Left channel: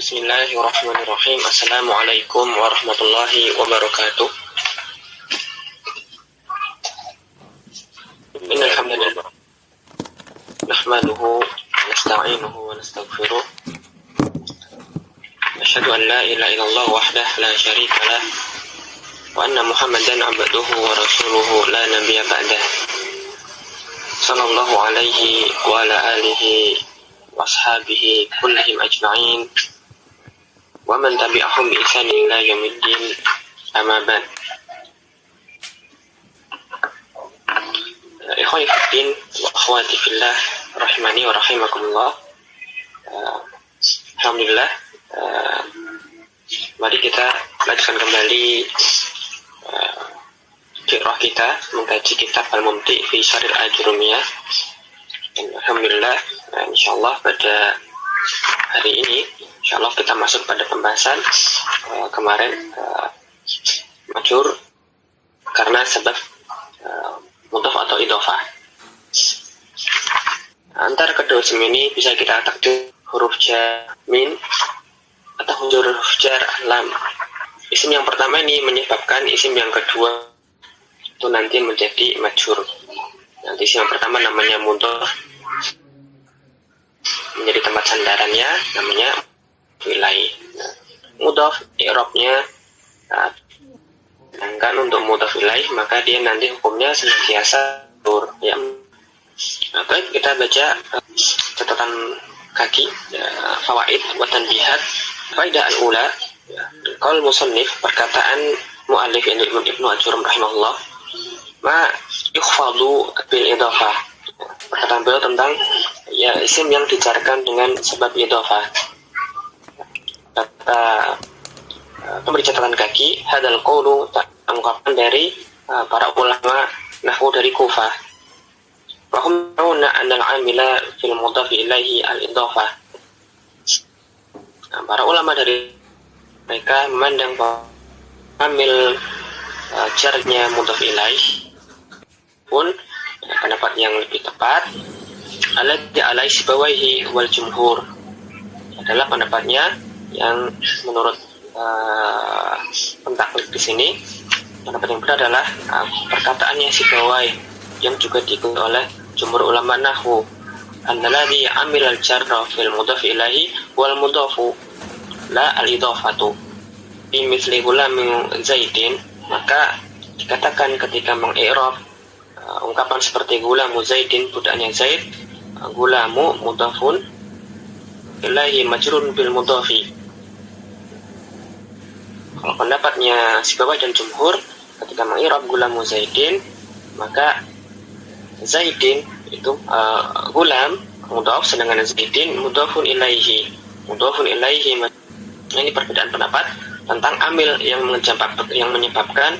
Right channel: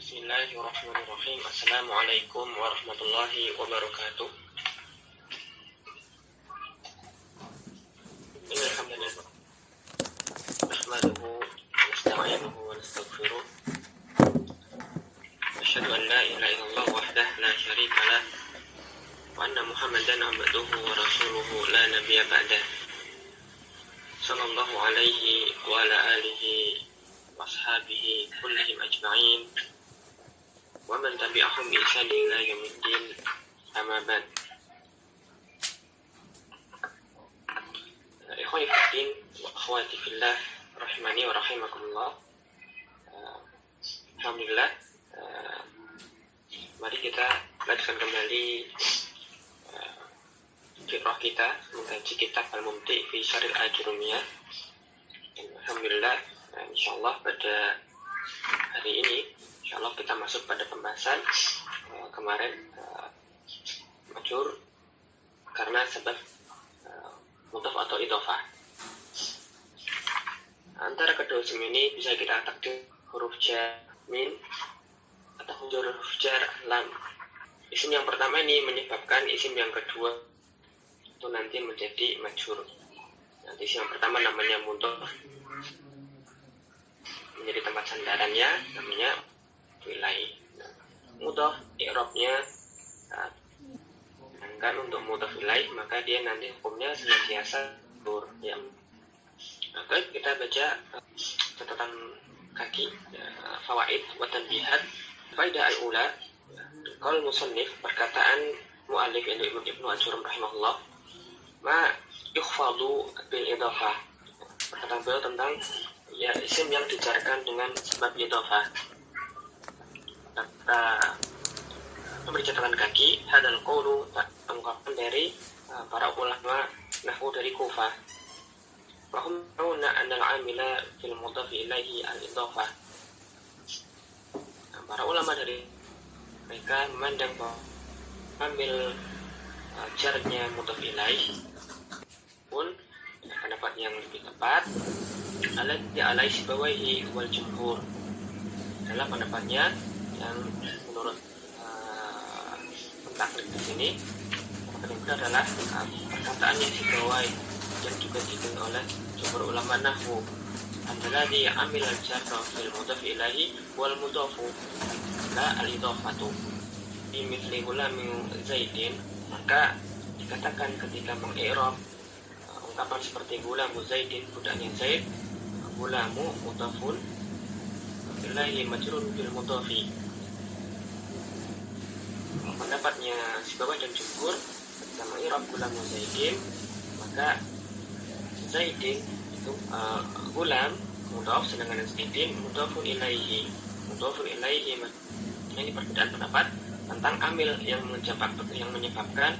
Bismillahirrahmanirrahim. Assalamualaikum warahmatullahi wabarakatuh. Innal hamdalillah nahmaduhu wa nasta'inuhu wa nastaghfiruh. Asyhadu an la ilaha illallah wahdahu la syarika lah wa anna Muhammadan abduhu wa rasuluhu la nabiyya ba'dah. Sallallahu alaihi wa ala alihi wa ashabihi kullihim ajma'in wa man tabi'ahum bi ihsanin ila yaumiddin, amma ba'd. Ikhwani fiddin wa akhwati fillah rahimani wa rahimakumullah. Alhamdulillah, mari kita lanjutkan kembali qiraah kita, mengkaji kitab Al-Mumti fi Syarhil Ajurumiyah. Alhamdulillah, insyaallah pada hari ini insyaallah kita masuk pada pembahasan kemarin majhur karena sebab mudhaf atau idhofah. Antara kedua isim ini bisa kita takdir huruf jar min atau huruf jar lam. Isim yang pertama ini menyebabkan isim yang kedua itu nanti menjadi majhur. Nanti isim yang pertama namanya mudhaf, menjadi tempat sandarannya namanya wilayah. Mudhaf i'rabnya sedangkan untuk mudhaf ilaih maka dia nanti hukumnya senantiasa majhur ya. Nah, baik, kita baca catatan kaki fawaid wa tanbihat. Faidah al-ula, qaul musannif, perkataan muallif Ibnu Ajurum rahimahullah, ma yukhfadu bil idhofah. Perkataan beliau tentang ya isim yang dijarkan dengan sebab idhofah. Kata pemberi catatan kaki, hadal qawlu, ungkapan dari para ulama nahwu dari Kufah. Wahum ta'una anal amila fil mudhafi ilaihi al-idhofah. Nah, para ulama dari mereka memandang bahwa amil jarnya mudhaf ilaih pun pendapat yang lebih tepat alai sibawaihi wal jumhur adalah pendapatnya yang menurut pentaklid di sini. Pendapat yang benar adalah perkataannya Sibawai yang juga diikuti oleh jumhur ulama nahwu, annalladzi amil al-jarra fil mudhaf ilaihi wal mudhafu la al-idhafatu fi mithli gulamin zaidin. Maka dikatakan ketika mengi'rab ungkapan seperti gulamu zaidin, budaknya zaid, gulamu mudhafun ilaihi majrurun bil mudhafi. Kalau pendapatnya Sibawai dan jumhur, ketika mengi'rab gulamu zaidin maka zaidin itu gulam mudhaf, sedangkan zaidin mudhafun ilaihi. Mudhafun ilaihi. Ini perbedaan pendapat tentang amil yang menyebabkan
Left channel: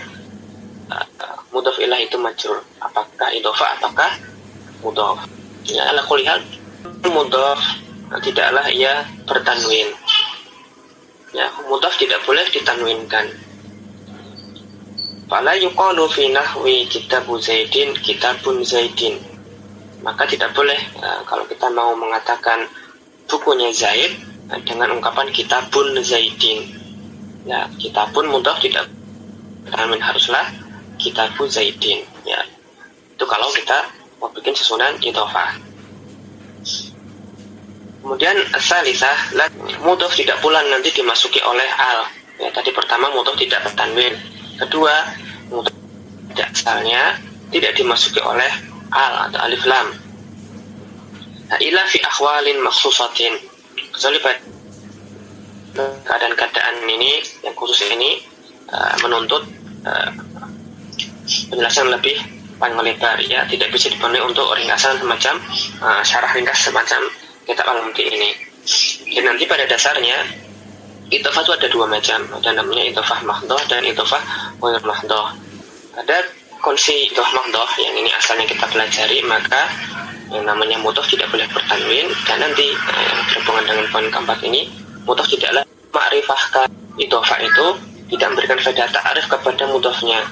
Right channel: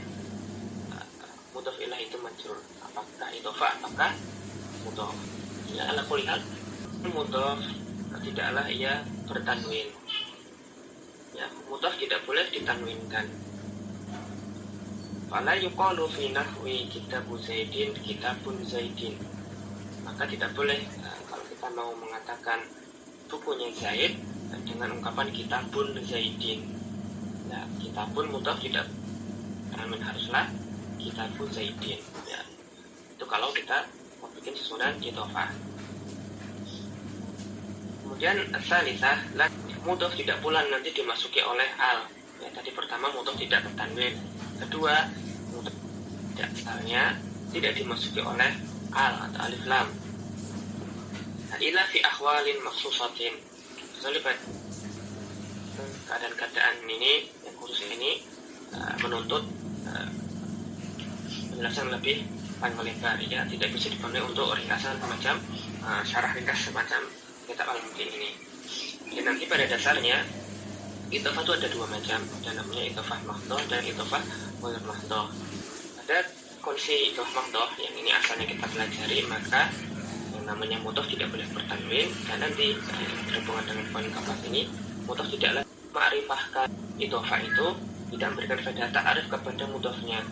mudhaf ilaih itu majrur, apakah idhofah apakah mudhaf. Ya, ala kulli hal mudhaf tidaklah ia bertanwin. Ya, mudhaf tidak boleh ditanwinkan. Fala yuqalu fi nahwi kitabu zaidin kitabun zaidin. Maka tidak boleh kalau kita mau mengatakan bukunya Zaid dengan ungkapan kitabun zaidin. Ya, kitabun mudhaf tidak tanwin, haruslah kitabu zaidin. Ya, itu kalau kita mau bikin susunan idhofah. Kemudian asalisah, mudhaf tidak pula nanti dimasuki oleh al. Ya, tadi pertama mudhaf tidak bertanwin. Kedua, mudhaf tidak asalnya tidak dimasuki oleh al atau alif lam. Nah, ila fi akhwalin makhsusatin, kecuali pada keadaan-keadaan ini yang khusus ini menuntut penjelasan lebih panjang lebar, ya, tidak bisa dipenuhi untuk ringkasan semacam syarah ringkas semacam kitab Al-Mumti ini. Dan nanti pada dasarnya idhofah itu ada dua macam, ada namanya idhofah mahdhah dan idhofah ghair mahdhah. Ada konsep idhofah mahdhah yang ini asalnya kita pelajari, maka yang namanya mudhaf tidak boleh bertanwin, dan nanti yang berhubungan dengan poin keempat ini, mudhaf tidaklah ma'rifahkan. Idhofah itu tidak memberikan faedah ta'rif kepada mudhafnya.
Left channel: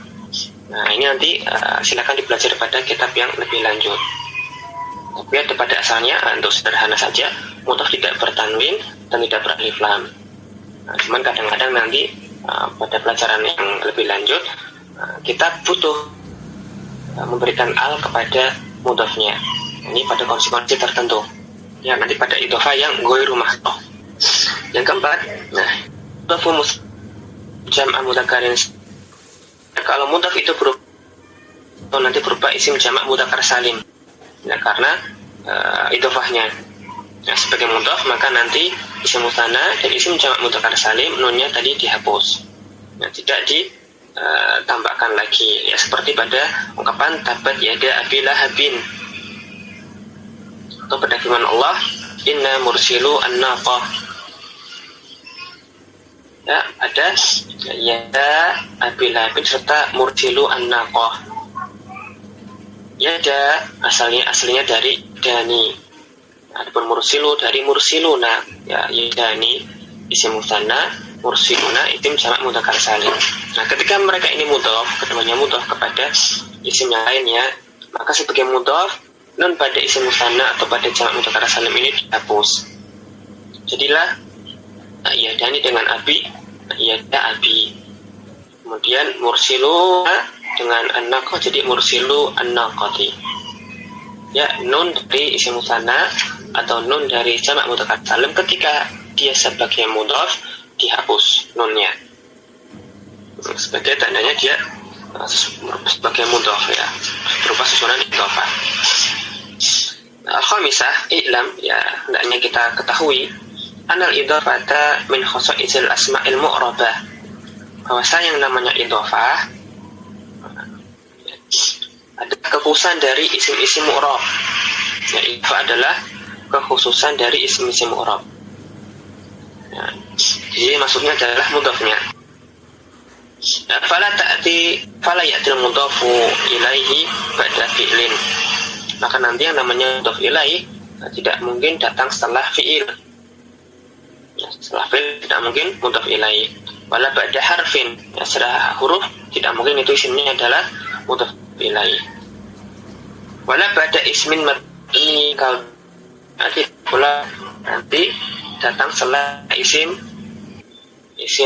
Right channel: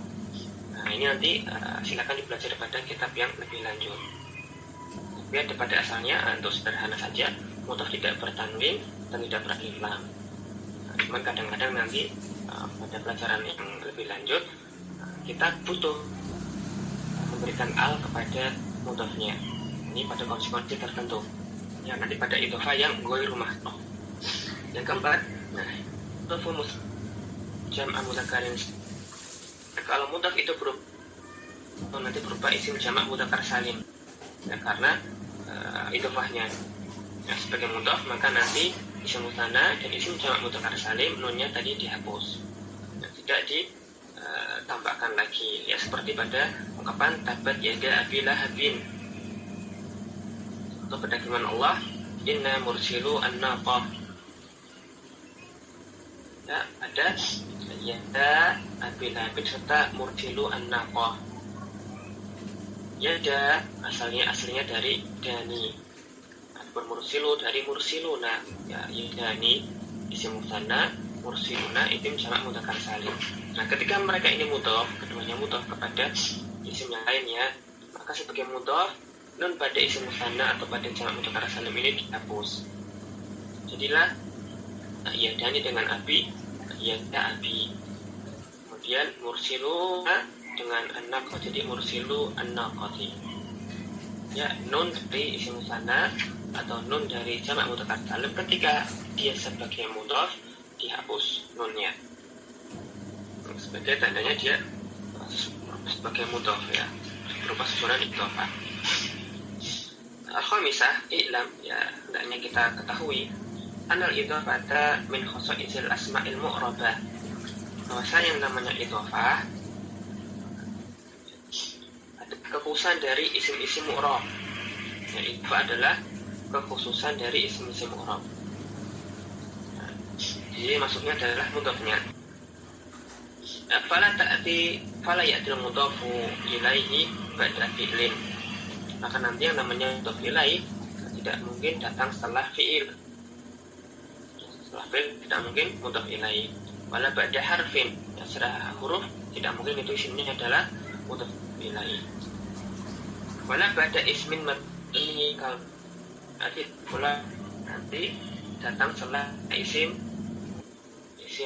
Nah, ini nanti silakan dipelajari pada kitab yang lebih lanjut. Tapi pada asalnya untuk sederhana saja, mudhaf tidak bertanwin dan tidak beralif lam. Nah, cuman kadang-kadang nanti pada pelajaran yang lebih lanjut kita butuh memberikan al kepada mudhafnya. Ini pada konsekuensi tertentu. Ya, nanti pada idhofah yang ghairu mahdhuf. Yang keempat, nah, mudhafu jam'a mudzakarin. Kalau mudhaf itu nanti berupa isim jamak mudzakkar salim. Nah, karena idhofahnya. Nah, sebagai mudhaf maka nanti isim mutsanna dan isim jamak mudzakkar salim nunnya tadi dihapus. Nah, tidak ditambahkan lagi. Ya, seperti pada ungkapan tabat yada abi lahabin. Atau pada firman Allah, inna mursilu an-naqah. Ya, ada yada abi lahabin serta mursilu an-naqah. Yada aslinya dari dani. Adapun mursilu dari mursiluna. Ya, yadani isim mutsanna, mursiluna isim jamak mudzakkar salim. Nah, ketika mereka ini mudhaf, keduanya mudhaf kepada isim yang lainnya, maka sebagai mudhaf nun pada isim mutsanna atau pada jamak mudzakkar salim ini dihapus. Jadilah yadani dengan abi, yada abi. Kemudian mursilu dengan an-naqah jadi mursilu an-naqati. Ya, nun dari isim mutsanna atau nun dari jamak mudzakkar salim ketika dia sebagai mudhaf dihapus nunnya. Sebagai tandanya dia sebagai mudhaf, ya, berupa susunan idhofah. Al-khamisah, i'lam, ya, hendaknya kita ketahui anal idhofata min khasaisil asma'il mu'rabah, bahwasanya yang namanya idhofah ada kekhususan dari isim-isim mu'rab. Ya, idhofah adalah kekhususan dari isim-isim mu'rab. Ya, jadi maksudnya adalah mudhafnya. Fala ya'til mudhafu ilaihi ba'da fi'lin. Maka nanti yang namanya mudhaf ilaih tidak mungkin datang setelah fi'il. Ya, setelah fi'il tidak mungkin mudhaf ilaih. Wala ba'da harfin, ya, setelah huruf tidak mungkin itu isimnya adalah mudhaf ilaih. Wala ba'da ismin mabni, kalau nanti pula nanti datang setelah isim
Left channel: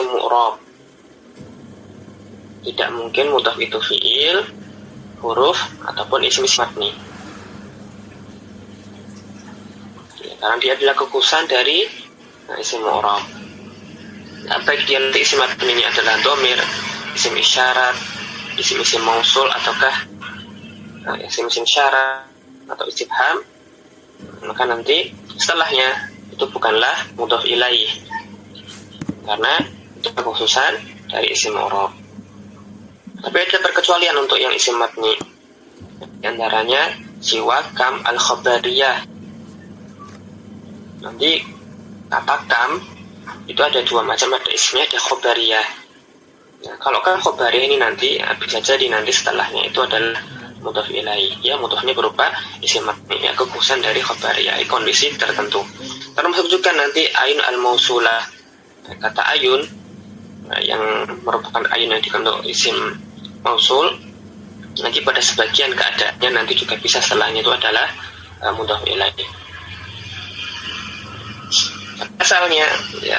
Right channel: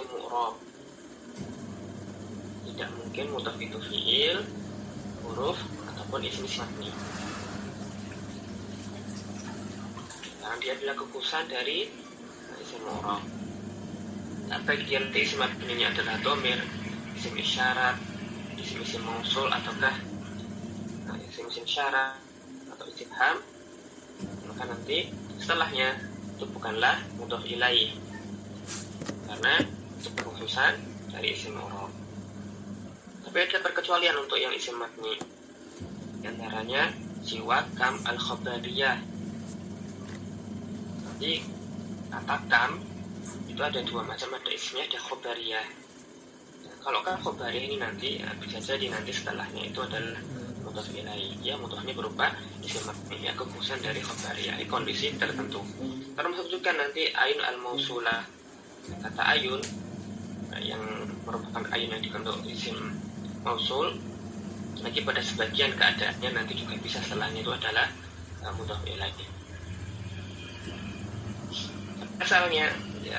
mu'rab. Tidak mungkin mudhaf itu fi'il, huruf ataupun isim mabni. Karena dia adalah kekhususan dari isim mu'rab. Baik dia nanti isim mabni ini adalah dhamir, isim isyarat, isim mausul ataukah isim syarat atau istifham, maka nanti setelahnya itu bukanlah mudhaf ilaih, karena itu kekhususan dari isim mu'rab. Tapi ada perkecualian untuk yang isim mabni. Di antaranya siwa kam al-khabariyah. Nanti kata kam itu ada dua macam, ada ismnya, ada khobariyah. Nah, kalau kan khobariyah ini nanti bisa jadi nanti setelahnya itu adalah mudhaf ilaih. Ya, mudhafnya berupa isim mabni, ya, kekhususan dari khobariyah, kondisi tertentu. Termasuk juga nanti ayun al-mausulah. Kata ayun yang merupakan ayun yang dikandung isim mausul, nanti pada sebagian keadaannya nanti juga bisa setelahnya itu adalah mudhaf ilaih. Asalnya, ya,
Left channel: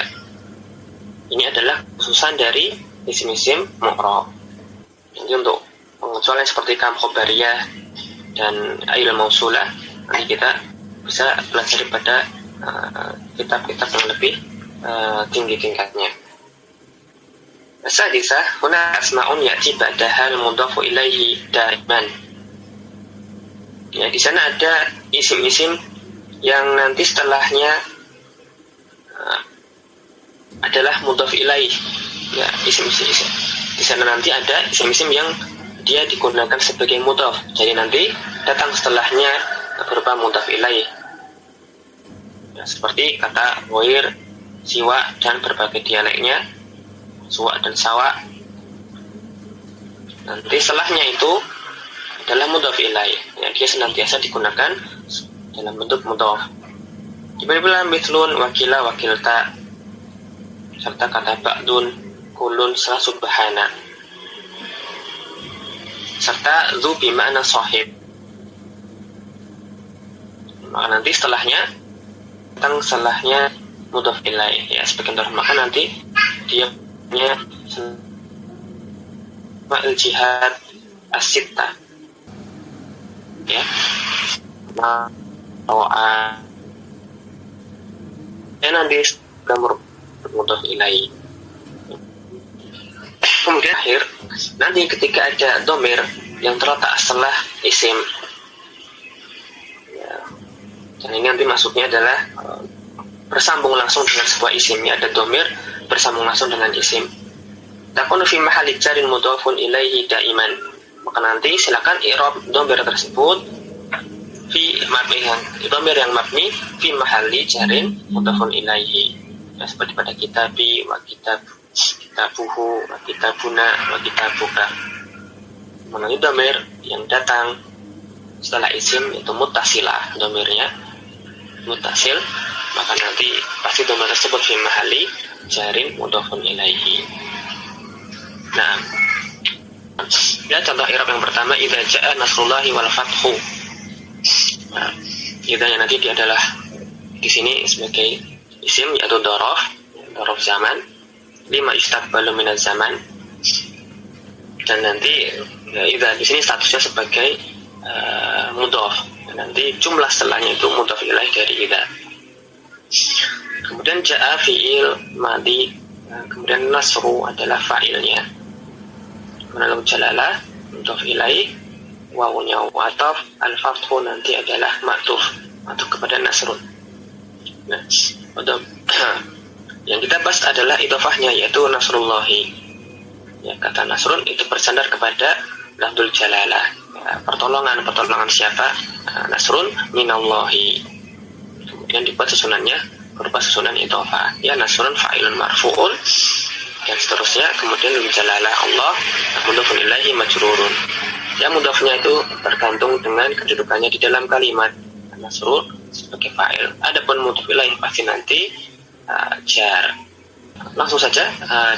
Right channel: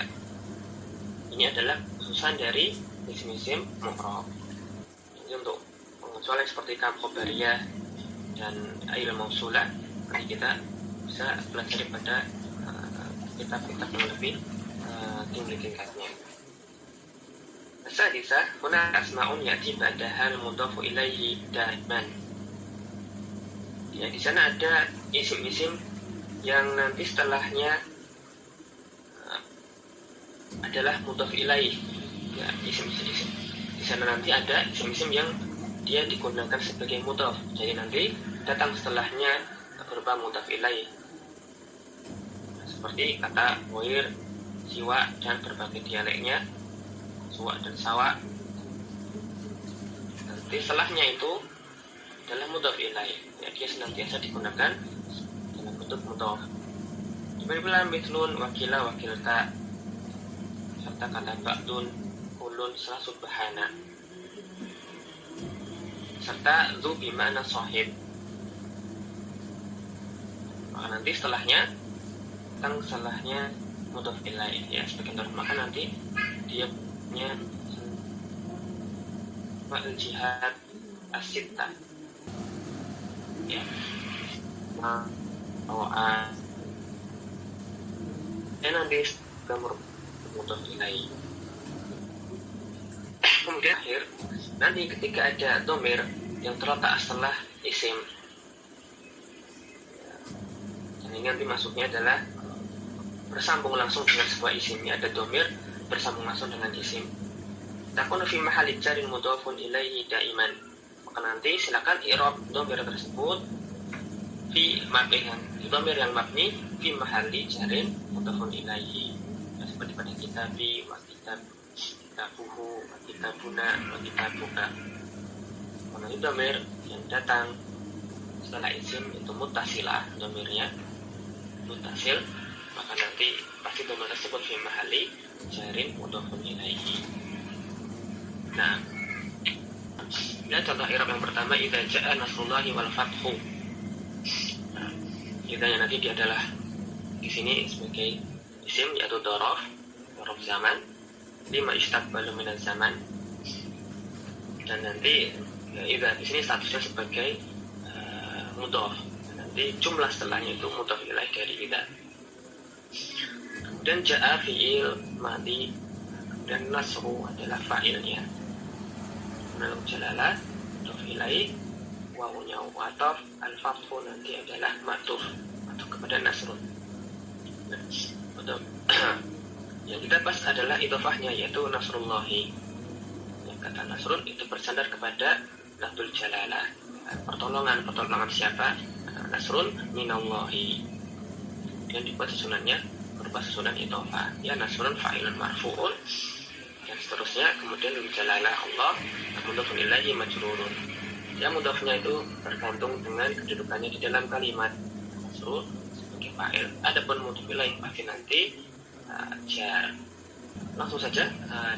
ini adalah khususan dari isim-isim mu'rab. Jadi untuk pengecualian seperti kam khobariyah dan ayul mausulah nanti kita bisa pelajari pada kitab-kitab yang lebih tinggi tingkatnya. Sadisah, huna asma'un ya'ti ba'dahal mudhafu ilaihi daiman. Ya, di sana ada isim-isim yang nanti setelahnya adalah mudhaf ilaih. Ya, isim-isim. Di sana nanti ada isim-isim yang dia digunakan sebagai mudhaf. Jadi nanti datang setelahnya berupa mudhaf ilaih. Ya, seperti kata wair, siwa dan berbagai dialeknya, suwa dan sawa. Nanti setelahnya itu adalah mudhaf ilaih. Ya, dia senantiasa digunakan dalam bentuk mudhaf. Diberi mithlun, wakila, wakilta, serta kata ba'dun, kulun, subhana, serta dzu bima'na sahib. Maka nanti setelahnya mudhaf ilaih ya, sebagian dari maka nanti dia punya ma'il jihad as-sittah ya, nanti gambar mudhaf ilaih. Kemudian akhir nanti ketika ada domir yang terletak setelah isim ya, dan ini nanti masuknya adalah bersambung langsung dengan sebuah isim ya, ada domir bersambung langsung dengan isim. Takunu fi mahalli jarin mudhafun ilaihi daiman, maka nanti silakan i'rab domir tersebut fi domir yang mabni fi mahalli jarin mudhafun ilaihi ya, seperti pada kitabi wa kitabuhu wa kitabuna wa kitabuka. Mengenai domir yang datang setelah isim itu muttasilah, domirnya muttasil, maka nanti pasti domir tersebut fi mahalli jarin mudhafun ilaihi. Nah, ya contoh i'rab yang pertama, idza jaa nasrullahi wal fathu. Nah, idza yang nanti dia adalah di sini sebagai isim yaitu dzaraf zaman, lima yustaqbalu minaz zaman, dan nanti ya, idza di sini statusnya sebagai mudhaf, dan nanti jumlah setelahnya itu mudhaf ilaih dari idza. Kemudian jaa fi'il madhi, kemudian nasru adalah fa'ilnya, menalum jalalah mudhaf ilaih, wawunya wataf, al-fathu nanti adalah ma'tuf kepada nasrun. Nah, yang kita bahas adalah idhofahnya, yaitu nasrullahi ya, kata nasrun itu bersandar kepada lafdzul jalalah ya, pertolongan siapa? Nasrun minallahi. Kemudian dibuat susunannya berupa susunan idhofah ya, nasrun fa'ilun marfu'un dan seterusnya. Kemudian jalalah Allah, mudhafun ilaihi majrurun ya, mudhafnya itu bergantung dengan kedudukannya di dalam kalimat. Nasrun sebagai fa'il, adapun mudhaf ilaihi pasti nanti jar. Langsung saja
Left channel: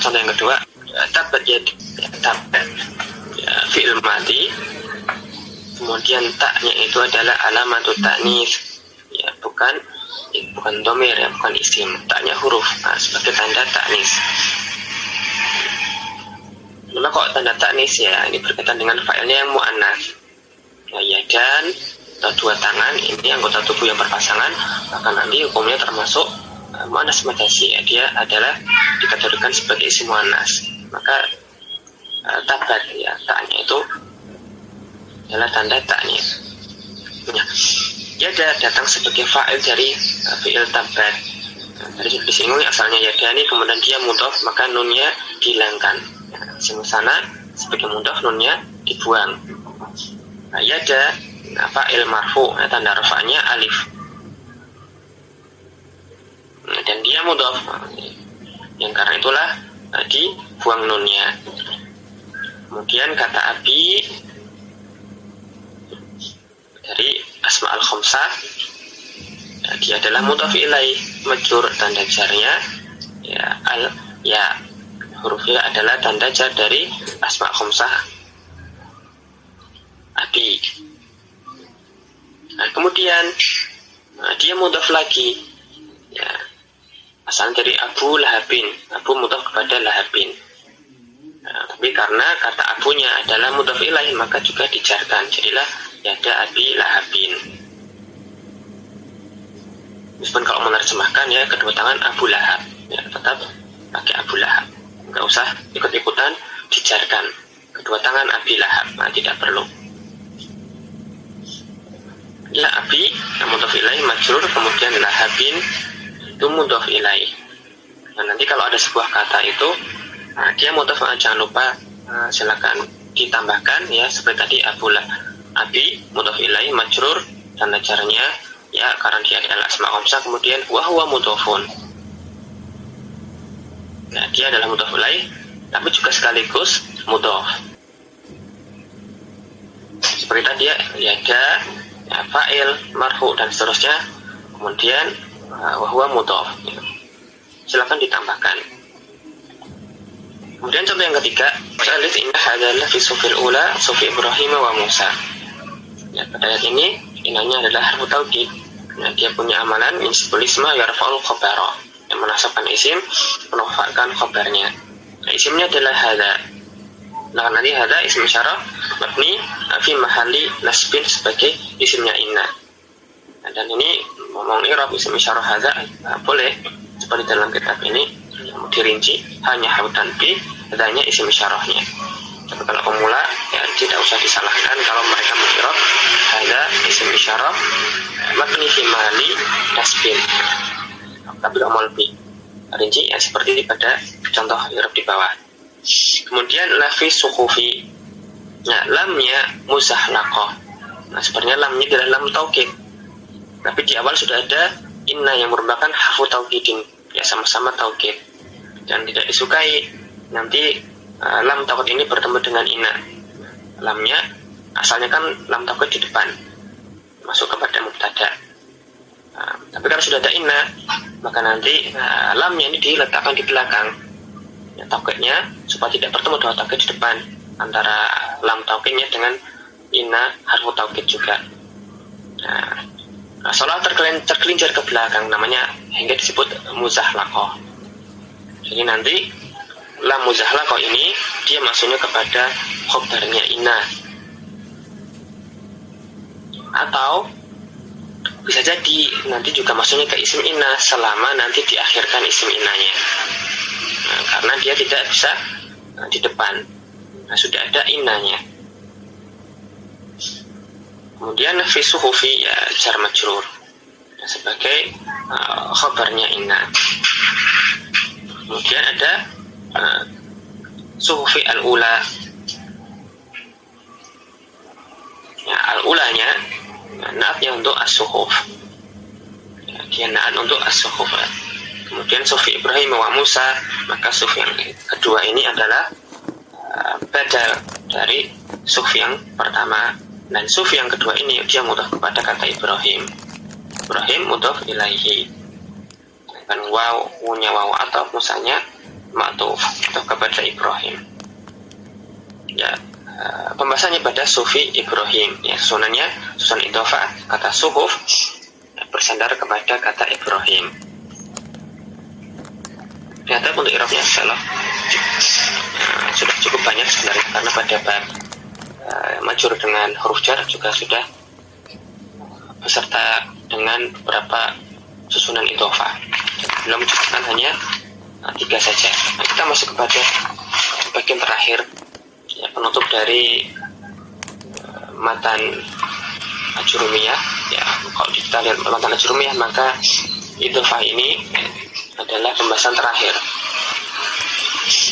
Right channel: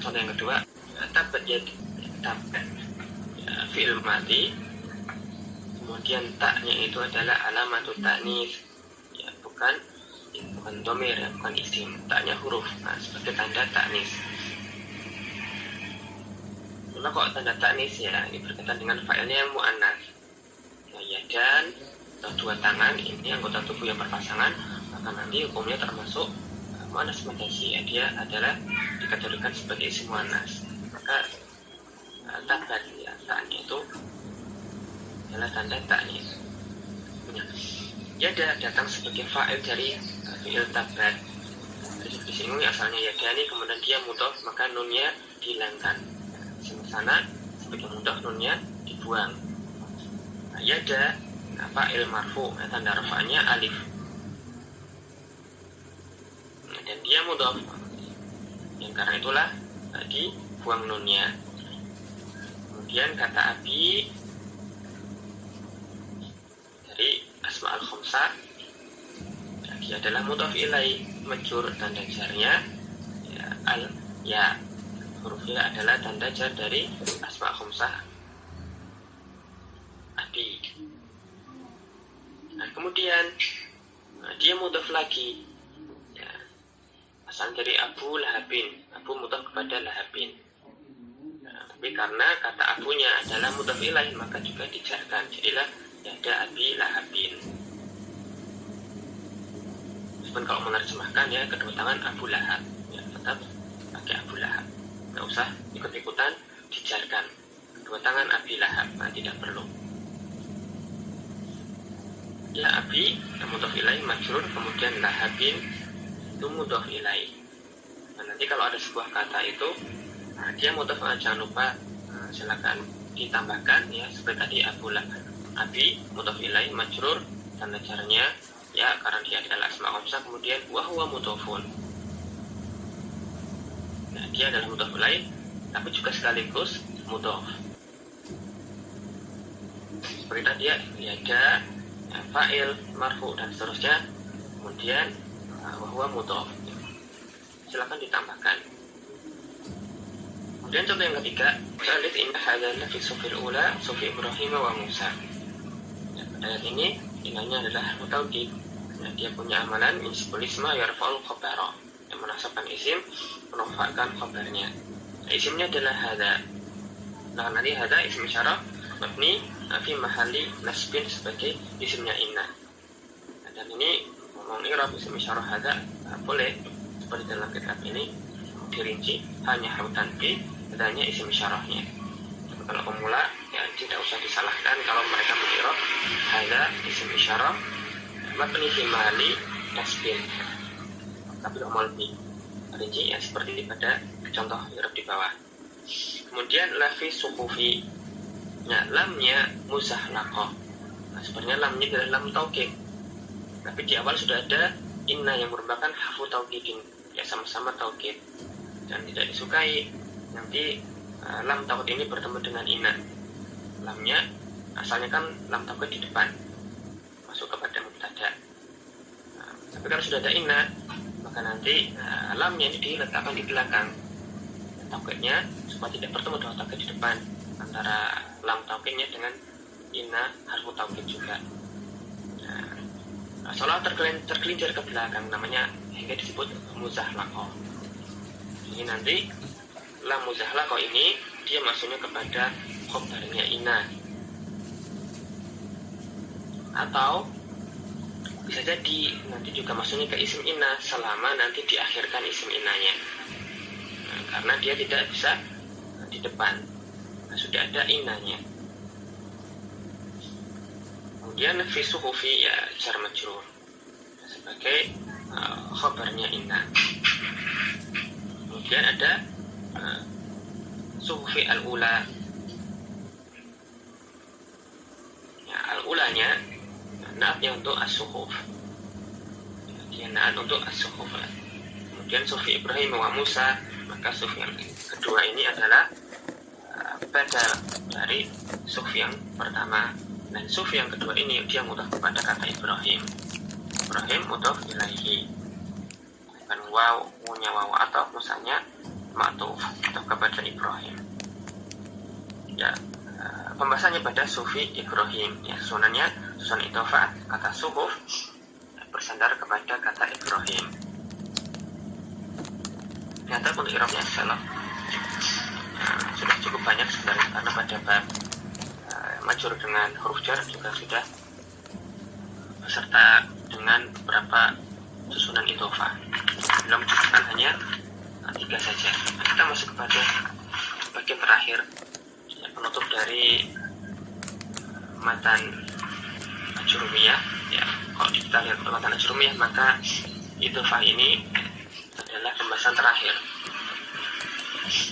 contoh yang kedua, tabat ya, tabat ya, fi'il madhi, kemudian taknya itu adalah alamatut ta'nis ya, bukan domir ya, bukan isim, taknya huruf sebagai tanda ta'nis. Memang kok tanda ta'nis ya, ini berkaitan dengan fa'ilnya yang mu'annas ya, dan atau dua tangan, ini anggota tubuh yang berpasangan, maka nanti hukumnya termasuk mu'annas majazi ya, dia adalah dikategorikan sebagai isim mu'annas. Maka tabat ya, taknya itu adalah tanda ta'nis ya, dia datang sebagai fa'il dari fi'il tabat. Tadi disinggung asalnya yadani, kemudian dia mudhaf, maka nunnya dihilangkan ya, sana sebagai mudhaf nunnya dibuang. Nah, yada fa'il marfu, tanda rafa'nya alif, dan dia mudhaf yang karena itulah dibuang nunnya. Kemudian kata abi dari asma'ul khamsah ya, dia adalah mudhaf ilaih majrur, tanda jarnya ya, ya hurufnya adalah tanda jar dari asma' khamsah abi. Nah, kemudian dia mudhaf lagi ya, asal dari Abu Lahabin, Abu mudhaf kepada Lahabin. Nah, tapi karena kata abunya adalah mudhaf ilaih maka juga dijarkan, jadilah yada abi Lahabin. Meskipun kalau menerjemahkan ya kedua tangan Abu Lahab ya, tetap pakai Abu Lahab, nggak usah ikut-ikutan dijarkan kedua tangan Abi Lahab, nah, tidak perlu ya. Abi yang mudhaf ilaih majrur, kemudian Lahabin itu mudhaf ilaih. Nah, nanti kalau ada sebuah kata itu dia mudhaf, jangan lupa silakan ditambahkan ya, seperti tadi abi mudhaf ilaih majrur, tanda jarnya ya karena dia adalah asma khamsah, kemudian wa huwa mudhafun. Nah, dia adalah mudhaf ilaih tapi juga sekaligus mudhaf. Seperti tadi ya, ada ya, fa'il, marfu dan seterusnya, kemudian wa huwa mudhaf. Silakan ditambahkan. Kemudian contoh yang ketiga, alif inna hadalah fi sufil ula sufi Ibrahim wa Musa. Ya, pada ayat ini inanya adalah harfu taukid. Nah, dia punya amalan insibul isma yarfa'ul khabara. menasabkan isim, menafikan khabarnya. Nah, isimnya adalah hadza. Nah, nanti hadza isim isyarah mabni fi mahalli nasbin sebagai isimnya inna. Nah, dan ini ngomong i'rab isim isyarah hadza boleh seperti dalam kitab ini dirinci hanya harf tanbih, hadzanya isim isyarahnya. Tapi kalau pemula ya tidak usah disalahkan kalau mereka meng'irab hadza isim isyarah mabni fi mahalli nasbin. Tapi amal bi rinci ya seperti pada contoh i'rab di bawah. Kemudian lafi suhufi. Nah, lamnya muzahlaqah. Nah, sebenarnya lamnya adalah lam taukid. Tapi di awal sudah ada inna yang merupakan harfu taukidin. Ya sama-sama taukid. Dan tidak disukai nanti lam taukid ini bertemu dengan inna. Lamnya asalnya kan lam taukid di depan. Masuk kepada mubtada. Tapi kalau sudah ada inna, maka nanti lamnya ini diletakkan di belakang. Ya, taukidnya supaya tidak bertemu dengan taukid di depan, antara lam taukidnya dengan inna harfu taukid juga. Nah, salah tergelincir ke belakang namanya hingga disebut muzahlaqah. Jadi nanti lam muzahlaqah ini dia masuknya kepada khobarnya inna. Atau bisa jadi nanti juga masuknya ke isim inna selama nanti diakhirkan isim innanya. Nah, karena dia tidak bisa di depan. Nah, sudah ada innanya. Kemudian fi suhufi ya jar majrur sebagai khabarnya inna. Kemudian ada suhufi al-ula. Ya, al-ulanya naatnya untuk as-suhuf. Ya, dia naat untuk as-suhuf. Kemudian sufi Ibrahim wa Musa, maka sufi yang kedua ini adalah badal dari sufi yang pertama. Dan sufi yang kedua ini dia mudhaf kepada kata Ibrahim. Ibrahim mudhaf ilaihi. Dan wawunya wawu atau musanya ma'tuf atau kepada Ibrahim. Ya, pembahasannya pada sufi Ibrahim. Ya, susunannya susun idhofah. Kata suhuf bersandar kepada kata Ibrahim. Ternyata untuk i'rabnya adalah sudah cukup banyak sebenarnya, karena pada bab majrur dengan huruf jar juga sudah beserta dengan beberapa susunan idhofah. Belum mencukupkan hanya 3 saja. Nah, kita masuk kepada bagian terakhir, ya, penutup dari matan ajrumiyah. Ya, kalau kita lihat matan ajrumiyah, maka idhofah ini adalah pembahasan terakhir.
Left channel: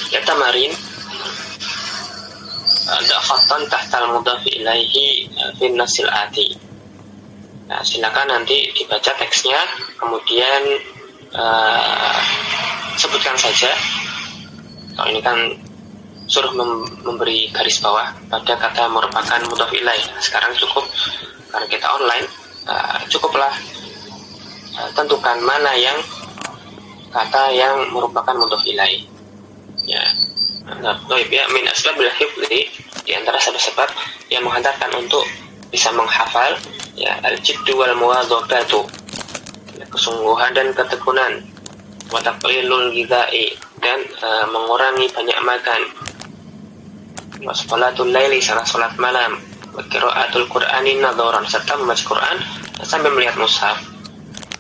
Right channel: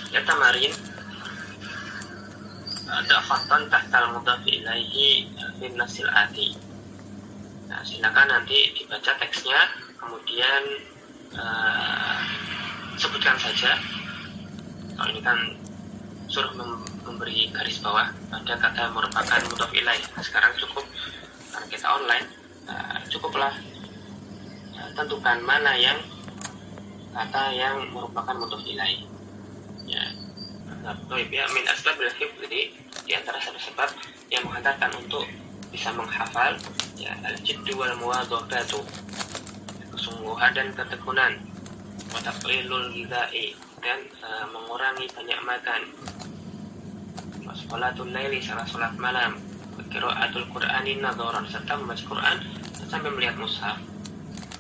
Ya, tamarin ada khatan tahtal mudhaf ilaihi fi nasil ati. Nah, silakan nanti dibaca teksnya, kemudian sebutkan saja. Kalau ini kan suruh memberi garis bawah pada kata merupakan mudhaf ilaih. Nah, sekarang cukup karena kita online, cukuplah tentukan mana yang kata yang merupakan mudhaf ilaih. Ya. Nah, ya, min asbabil hifdzi, di antara sebab-sebab yang menghantarkan untuk bisa menghafal, ya, al-jiddu wal muwadzabatu, ya, kesungguhan dan ketekunan, wa taqlilul ghidha'i, dan mengurangi banyak makan, wa sholatul laili, salat malam, wa qiraatul qur'ani nadharan, serta membaca Quran sambil melihat mushaf.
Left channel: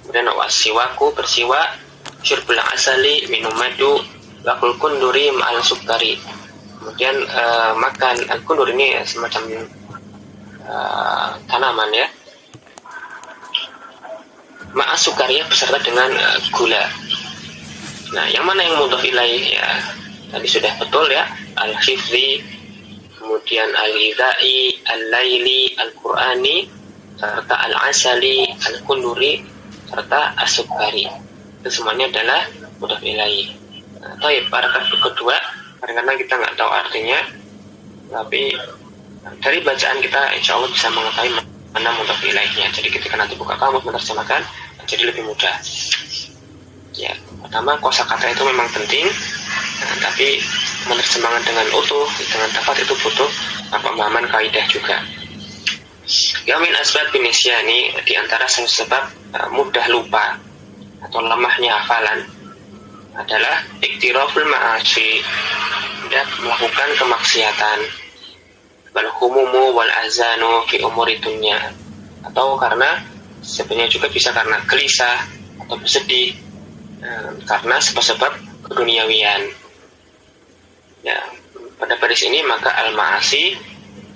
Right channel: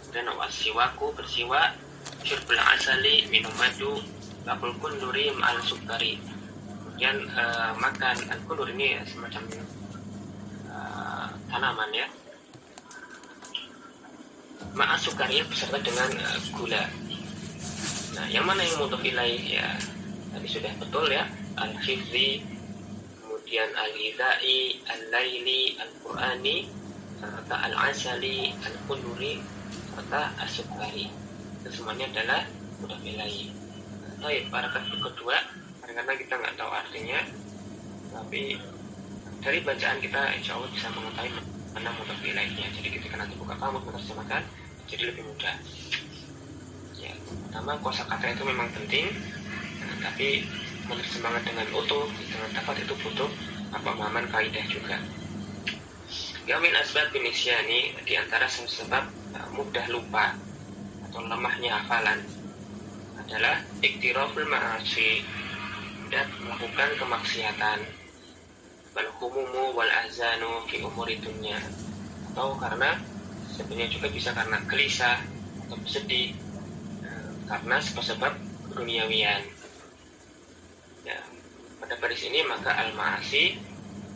Kemudian wasiwaku, bersiwak, syurbul asali, minum madu, lakul kunduri ma'al sukari. Kemudian makan al-kundur ini semacam tanaman, ya, ma'al sukari, beserta dengan gula. Nah, yang mana yang mudhaf ilaih? Ya, tadi sudah betul, ya, al-hifzi, kemudian al-ghidha'i, al-laili, al-qur'ani, serta al-asali, al-kunduri, serta as-sukari. Itu semuanya adalah mudhaf ilaih. Nah, paragraf kedua, kadang-kadang kita nggak tahu artinya, tapi dari bacaan kita insya Allah bisa mengetahui mana mudhaf ilaihnya. Jadi ketika nanti buka kamus menerjemahkan, jadi lebih mudah. Ya, pertama kosakata itu memang penting, tapi menerjemahkan dengan utuh, dengan tepat itu butuh pemahaman kaidah juga. Ya, min asbab binisyani, di antara sebab mudah lupa atau lemahnya hafalan, adalah iktiraful ma'asi, ya, melakukan kemaksiatan, wal humumu wal azanu fi umuri dunya, atau karena sebenarnya juga bisa karena gelisah atau bersedih karena sebab-sebab keduniawian. Ya, pada baris ini maka al-ma'asi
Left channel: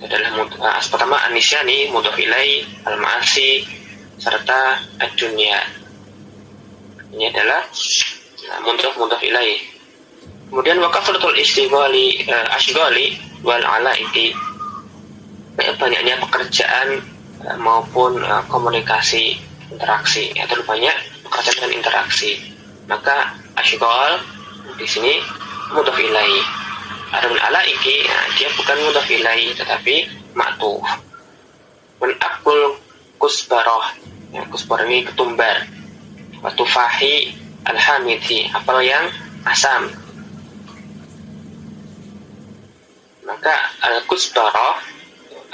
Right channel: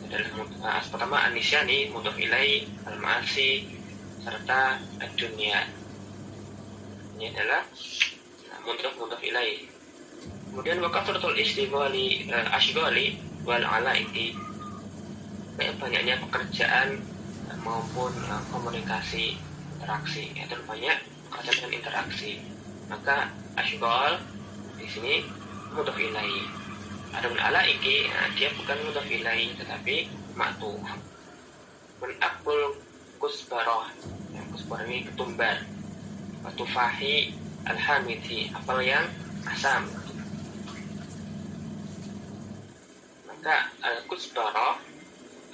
adalah pertama anisyani mudhof ilai, al-ma'asi serta ad-dunya. Ini adalah mudhof ilai. Kemudian waqafratul istighali ashghali wal alaiti, banyaknya pekerjaan maupun komunikasi, interaksi, ya, terlalu banyak pekerjaan dan interaksi. Maka ashghal di sini mudhof ilai. Adapun alaiki, dia bukan mudhof ilai tetapi ma'tuf. Wan aqul kusbarah, ya, kusbarah ini ketumbar. Wa tufahi alhamidi, apel yang asam. Maka al-kusbarah,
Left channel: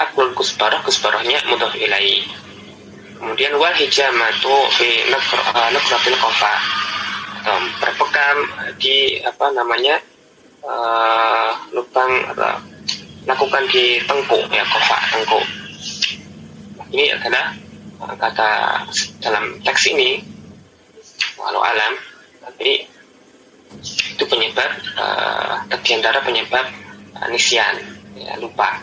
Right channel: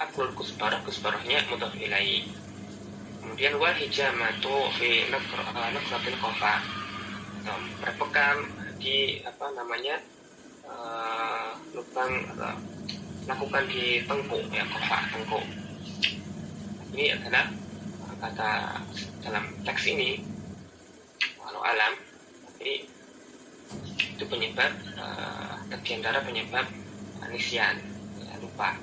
aqul kusbarah, kusbarahnya mudhof ilai. Kemudian wal hijamatu fi nakratil qafa, berpekam di lubang atau lakukan di tengkuk, ya, qafa, tengkuk. Ini adalah kata dalam teks ini, walau alam, tapi itu penyebab di antara penyebab nisyan, ya, lupa.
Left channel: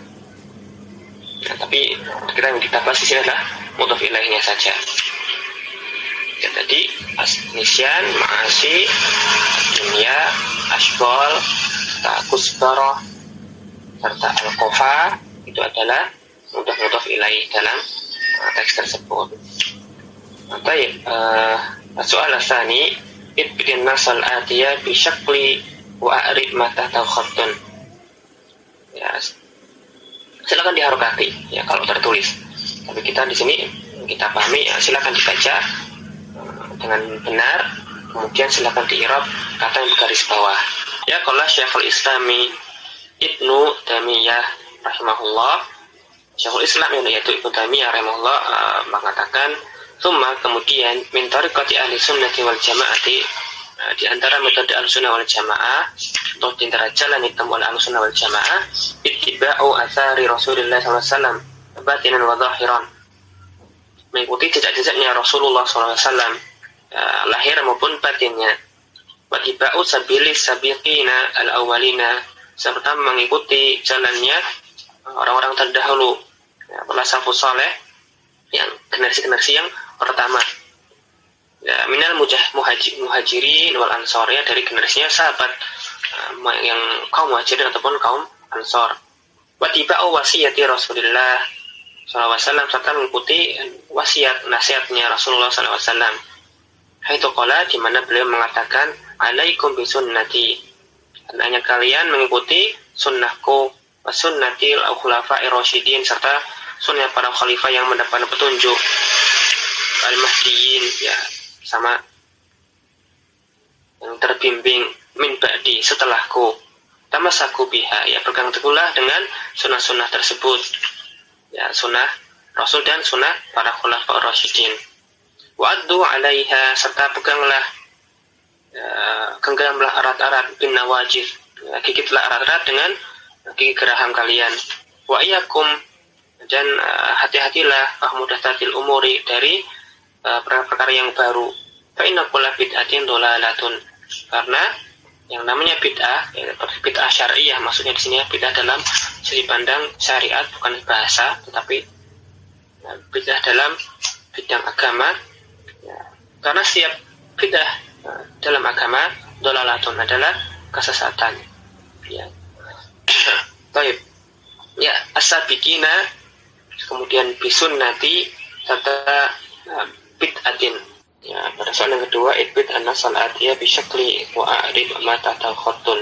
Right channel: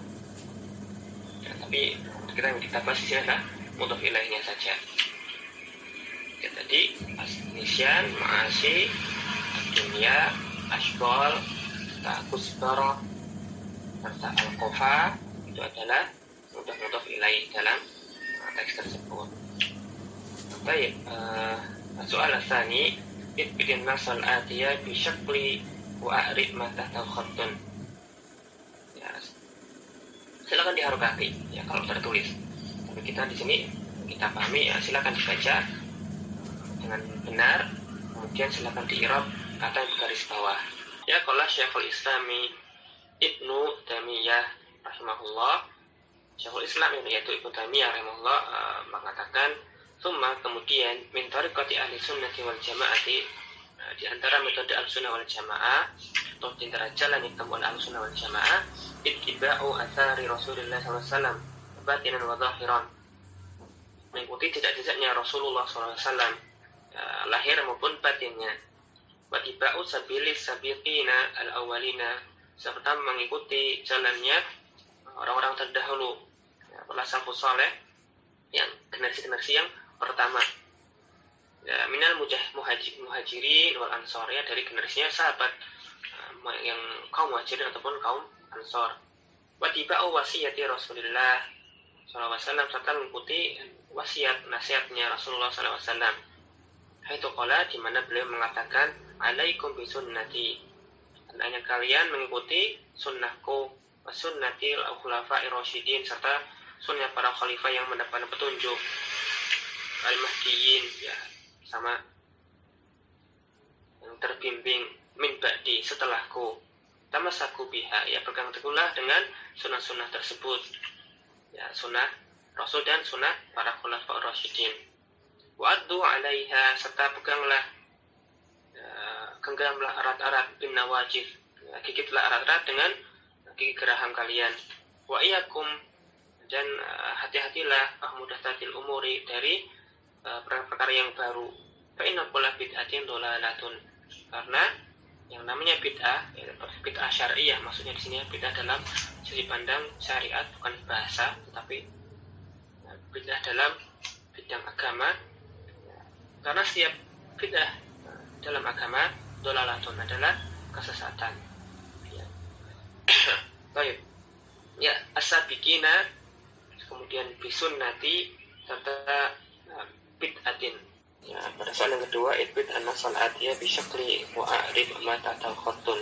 Nah, tapi kita yang kita bahas di sini adalah mudhof ilaihnya saja. Ya, tadi nisyan, ma'asi, dunia, ashghal, kusbarah serta al-qafa itu adalah mudhof ilaih dalam teks tersebut. Baik, soal tsani ibdin nasal atiya bi syakli wa a'rid ma tahta khattun. Ya, silakan diharokati, ya, kalau tertulis. Tapi kita di sini kita pahami, ya, silakan dibaca dengan benar. Kemudian silakan diirab kata yang bergaris bawah. Ya, qala Syekhul Islami Ibnu Taimiyah rahimahullah, Syekhul Islam yaitu Ibnu Taimiyah rahimahullah mengatakan, "Tsumma kemudian min tariqati ahli sunnati wal jamaati, di antara metode al-sunnah wal jamaah atau di antara jalan hitam oleh al-sunnah wal jamaah, ittiba'u athari Rasulullah SAW batinan wa zahiran, mengikuti jejak-jejaknya Rasulullah SAW, lahir maupun batinnya. Wa ittiba'u sabilis sabiqina al-awwalina, serta mengikuti jalannya orang-orang terdahulu, ya, para salafus saleh, yang generasi-generasi yang pertama, ya, minal muhajirin wal ansor, ya, dari generasinya sahabat yang kaum muhajirin ataupun kaum ansor. Wa tiba'u wasiyati Rasulullah SAW, serta mengikuti wasiat nasihatnya Rasulullah SAW. Haitu qala, di mana beliau mengatakan, alaikum bi sunnati, hendaknya kalian mengikuti sunnahku, wa sunnatil khulafa'ir rasyidin, serta sunnah para khalifah yang mendapat petunjuk, al-mahdiyin, ya, sama yang terbimbing, min ba'di, setelahku, tamasaku biha, ya, berpegang teguhlah dengan sunnah-sunnah tersebut, ya, sunnah Rasul dan sunnah para khulafa'ir rasyidin. Wa'addu 'alaiha, serta peganglah, genggamlah erat-erat, bin nawajid, ya, gigitlah erat-erat dengan gigi geraham kalian. Wa iyyakum, dan hati-hatilah muhdatsatil umuri, dari perkara yang baru. Fa inna kulla bid'atin dhalalatun, karena yang namanya bid'ah, ya, bid'ah syariah, maksudnya di sini bid'ah dalam segi pandang syariat, bukan bahasa, tetapi bid'ah dalam bidang agama, ya, karena setiap bid'ah dalam agama dhalalatun adalah kesesatan, ya. Baik, ya, as-sabiqina, kemudian bisunnati, serta bid'atin, ya, pada soal yang kedua, ibid an-nasal atiyah bisyakli wa a'rid ma ta'tal khattun,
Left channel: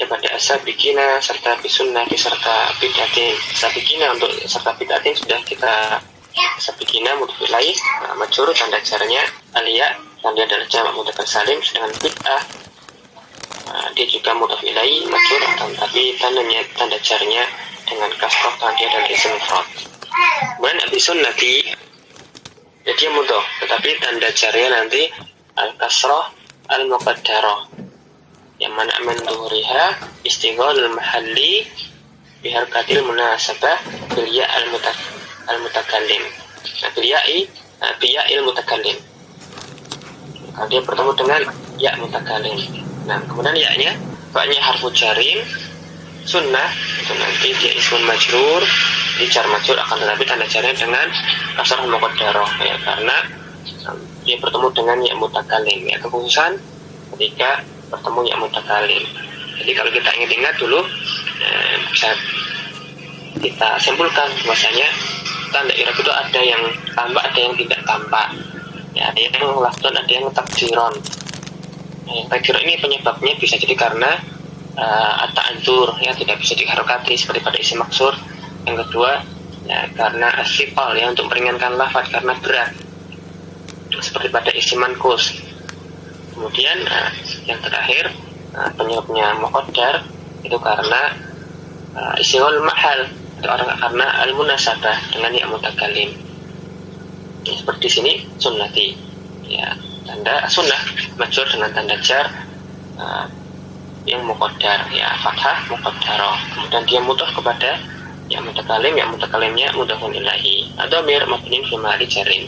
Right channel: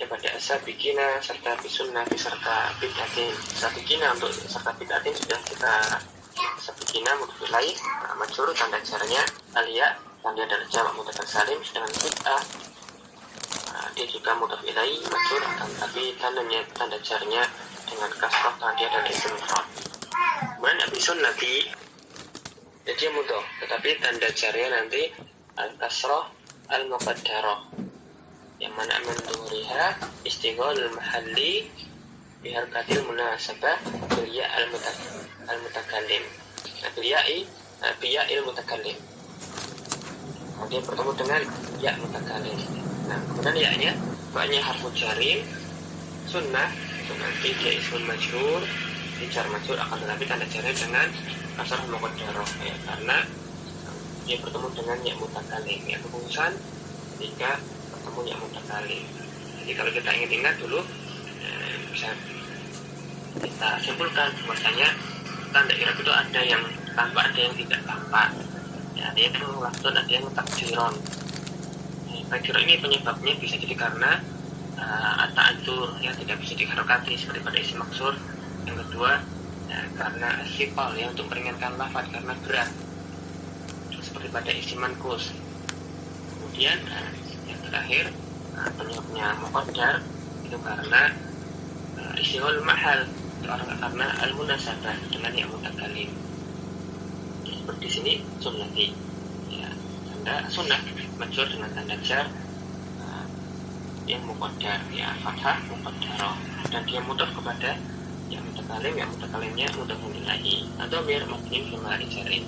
daripada as-sabiqina serta bisunnati serta bid'atin. Sabiqina untuk serta bid'atin sudah kita, sabiqina mudhof ilaih majrur, tanda jarnya aliyah, dan dia adalah jamak mudzakkar salim. Sedangkan bid'ah dia juga mudhof ilaih majrur, tapi tanda jarnya dengan kasroh, dan dia adalah isim mufrad. Kemudian bisunnati, jadi mudhof, tetapi tanda jarnya nanti al-kasroh al-muqaddarah. mana min dhuhriha istighalul mahalli biharkatil munasabah bil ya al mutakallim. Nah, bil ya'il mutakallim. Dia bertemu dengan ya mutakallim. Nah, kemudian ya-nya fa-nya harfu jarin sunnah, itu nanti dia ismun majrur, jar majrur, akan tetapi tanda jarnya dengan kasrah muqaddarah ya, karena dia bertemu dengan ya mutakallim ya, kekhususan ketika bertemu ya mutakallim. Jadi kalau kita ingat dulu bisa kita simpulkan bahwasanya tanda i'rab itu ada yang tampak, ada yang tidak tampak ya, ada yang lafdzon, ada yang takdiron. Takdiron ini penyebabnya bisa jadi karena at-ta'adzur ya, tidak bisa diharokati seperti pada isim maksur. Yang kedua ya, karena asifal ya, untuk meringankan lafadz karena berat seperti pada isim manqus. Kemudian yang terakhir penyebabnya muqaddar itu karena istighol mahal, itu karena al-munasabah dengan ya mutakallim. Ya, seperti di sini sunnati ya, tanda sunnah majrur dengan tanda jar yang muqaddar ya, fathah muqaddarah. Kemudian dia mudhaf kepada ya mutakallimnya mudhafun ilaihi atau mir mabniun fi mahalli jarin.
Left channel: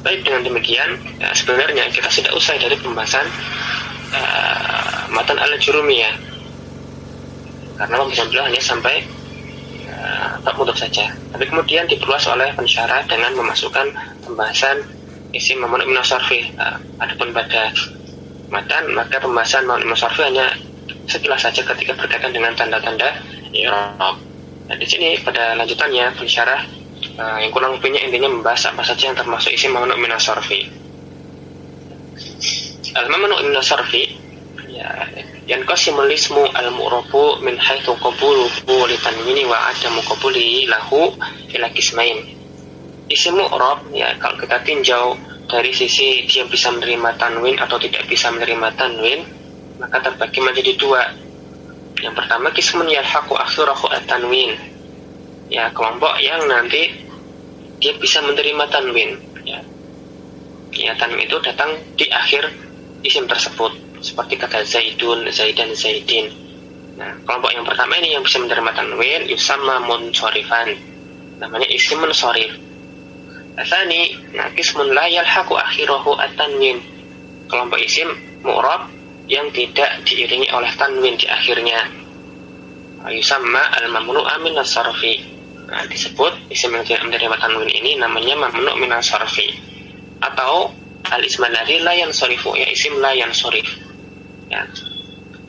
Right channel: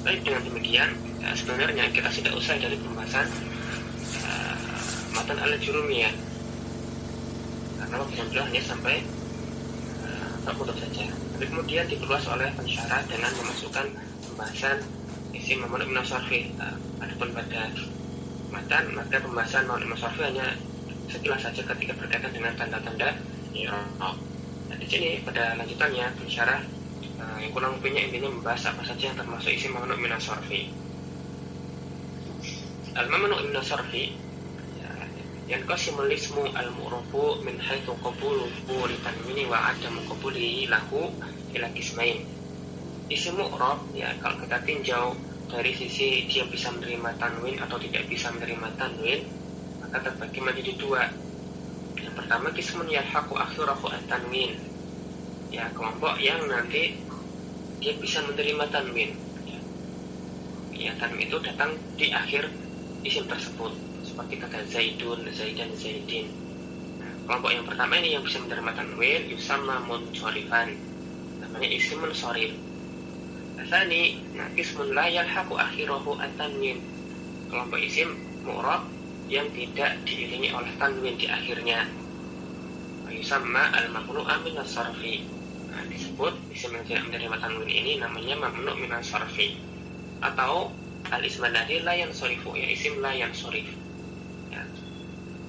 Baik, dengan demikian sebenarnya kita sudah usai dari pembahasan matan al-jurumiyah, karena pembahasan beliau hanya sampai bab mudhaf saja. Tapi kemudian diperluas oleh pensyarah dengan memasukkan pembahasan isim mamnu' min as-sarfi. Adapun pada matan, maka pembahasan mamnu' min as-sarfi hanya sekilas saja ketika berkaitan dengan tanda-tanda i'rab. Nah, di sini pada lanjutannya pensyarah yang kurang lebihnya intinya membahas apa saja yang termasuk isim mamnu' min as-sarfi. Al-mamnu' min as-sarfi ya, yanqasimul ismu al-mu'rabu min haitsu qabuluhu li tanwini wa adamu qabulihi lahu ila qismain. Isim mu'rab ya, kalau kita tinjau dari sisi dia bisa menerima tanwin atau tidak bisa menerima tanwin, maka terbagi menjadi dua. Yang pertama qismun yalhaqu akhirahu at-tanwin ya, kelompok yang nanti dia bisa menerima tanwin ya. Ya, tanwin itu datang di akhir isim tersebut, seperti kata Zaidun, Zaidan, Zaidin. Nah, kelompok yang pertama ini yang bisa menerima tanwin yusamma munsorifan, namanya isim munsorif. Asani, nah qismun la yalhaqu akhirahu at-tanwin, kelompok isim mu'rab yang tidak diiringi oleh tanwin di akhirnya, yusamma al-mamnu'a min as-sarfi. Nah, disebut isim yang tidak menerima tanwin ini namanya mamnu' min as-sarfi, atau al-ism alladzi la yansarifu ya, isim la yansarif ya.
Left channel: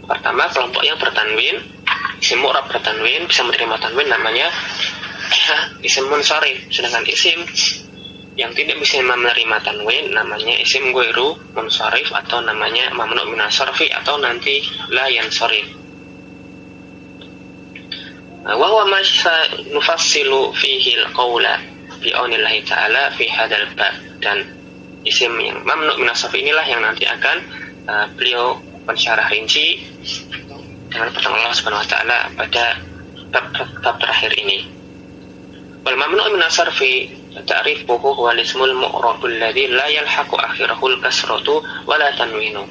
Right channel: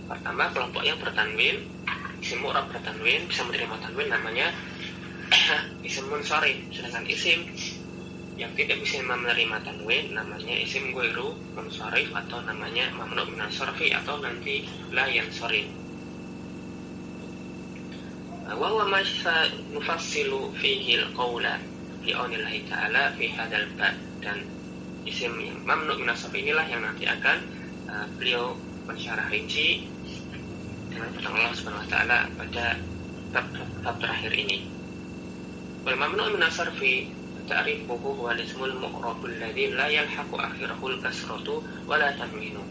Pertama, kelompok yang bertanwin, isim mu'rab bertanwin bisa menerima tanwin namanya isim munsharif. Sedangkan isim yang tidak bisa menerima tanwin namanya isim ghairu munsharif atau namanya mamnu' min as-sarfi atau nanti la yansarif. Wa huwa ma nufassilu fihi al-qawla bi aunillahi ta'ala fi hadzal bab. Dan isim yang mamnu' min as-sarfi inilah yang nanti akan beliau pensyarah rinci dengan pertolongan Allah Subhanahu wa taala pada bab terakhir ini. Wal mamnu' min as-sarfi ta'rifuhu huwa al-ismul mu'rabul ladzi la yalhaqu akhirahu al-kasratu wa la tanwinu.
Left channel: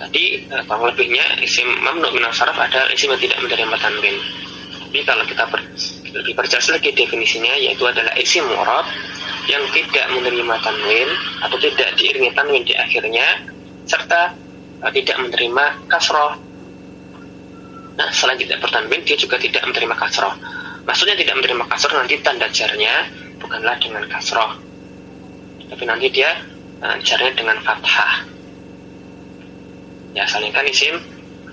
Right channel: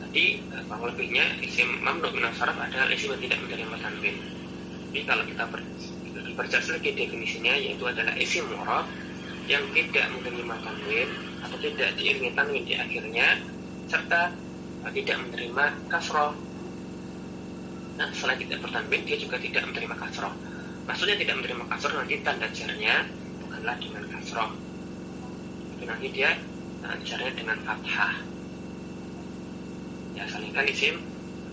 Tadi kurang lebihnya isim mamnu' min as-sarf adalah isim yang tidak menerima tanwin. Tapi kalau kita lebih perjelas lagi definisinya, yaitu adalah isim mu'rab yang tidak menerima tanwin atau tidak diiringi tanwin di akhirnya, serta tidak menerima kasroh. Nah, selain tidak bertanwin, dia juga tidak menerima kasroh. Maksudnya tidak menerima kasroh, nanti tanda jarnya bukanlah dengan kasroh, tapi nanti dia jarnya dengan fathah. Ya, asalnya kan isim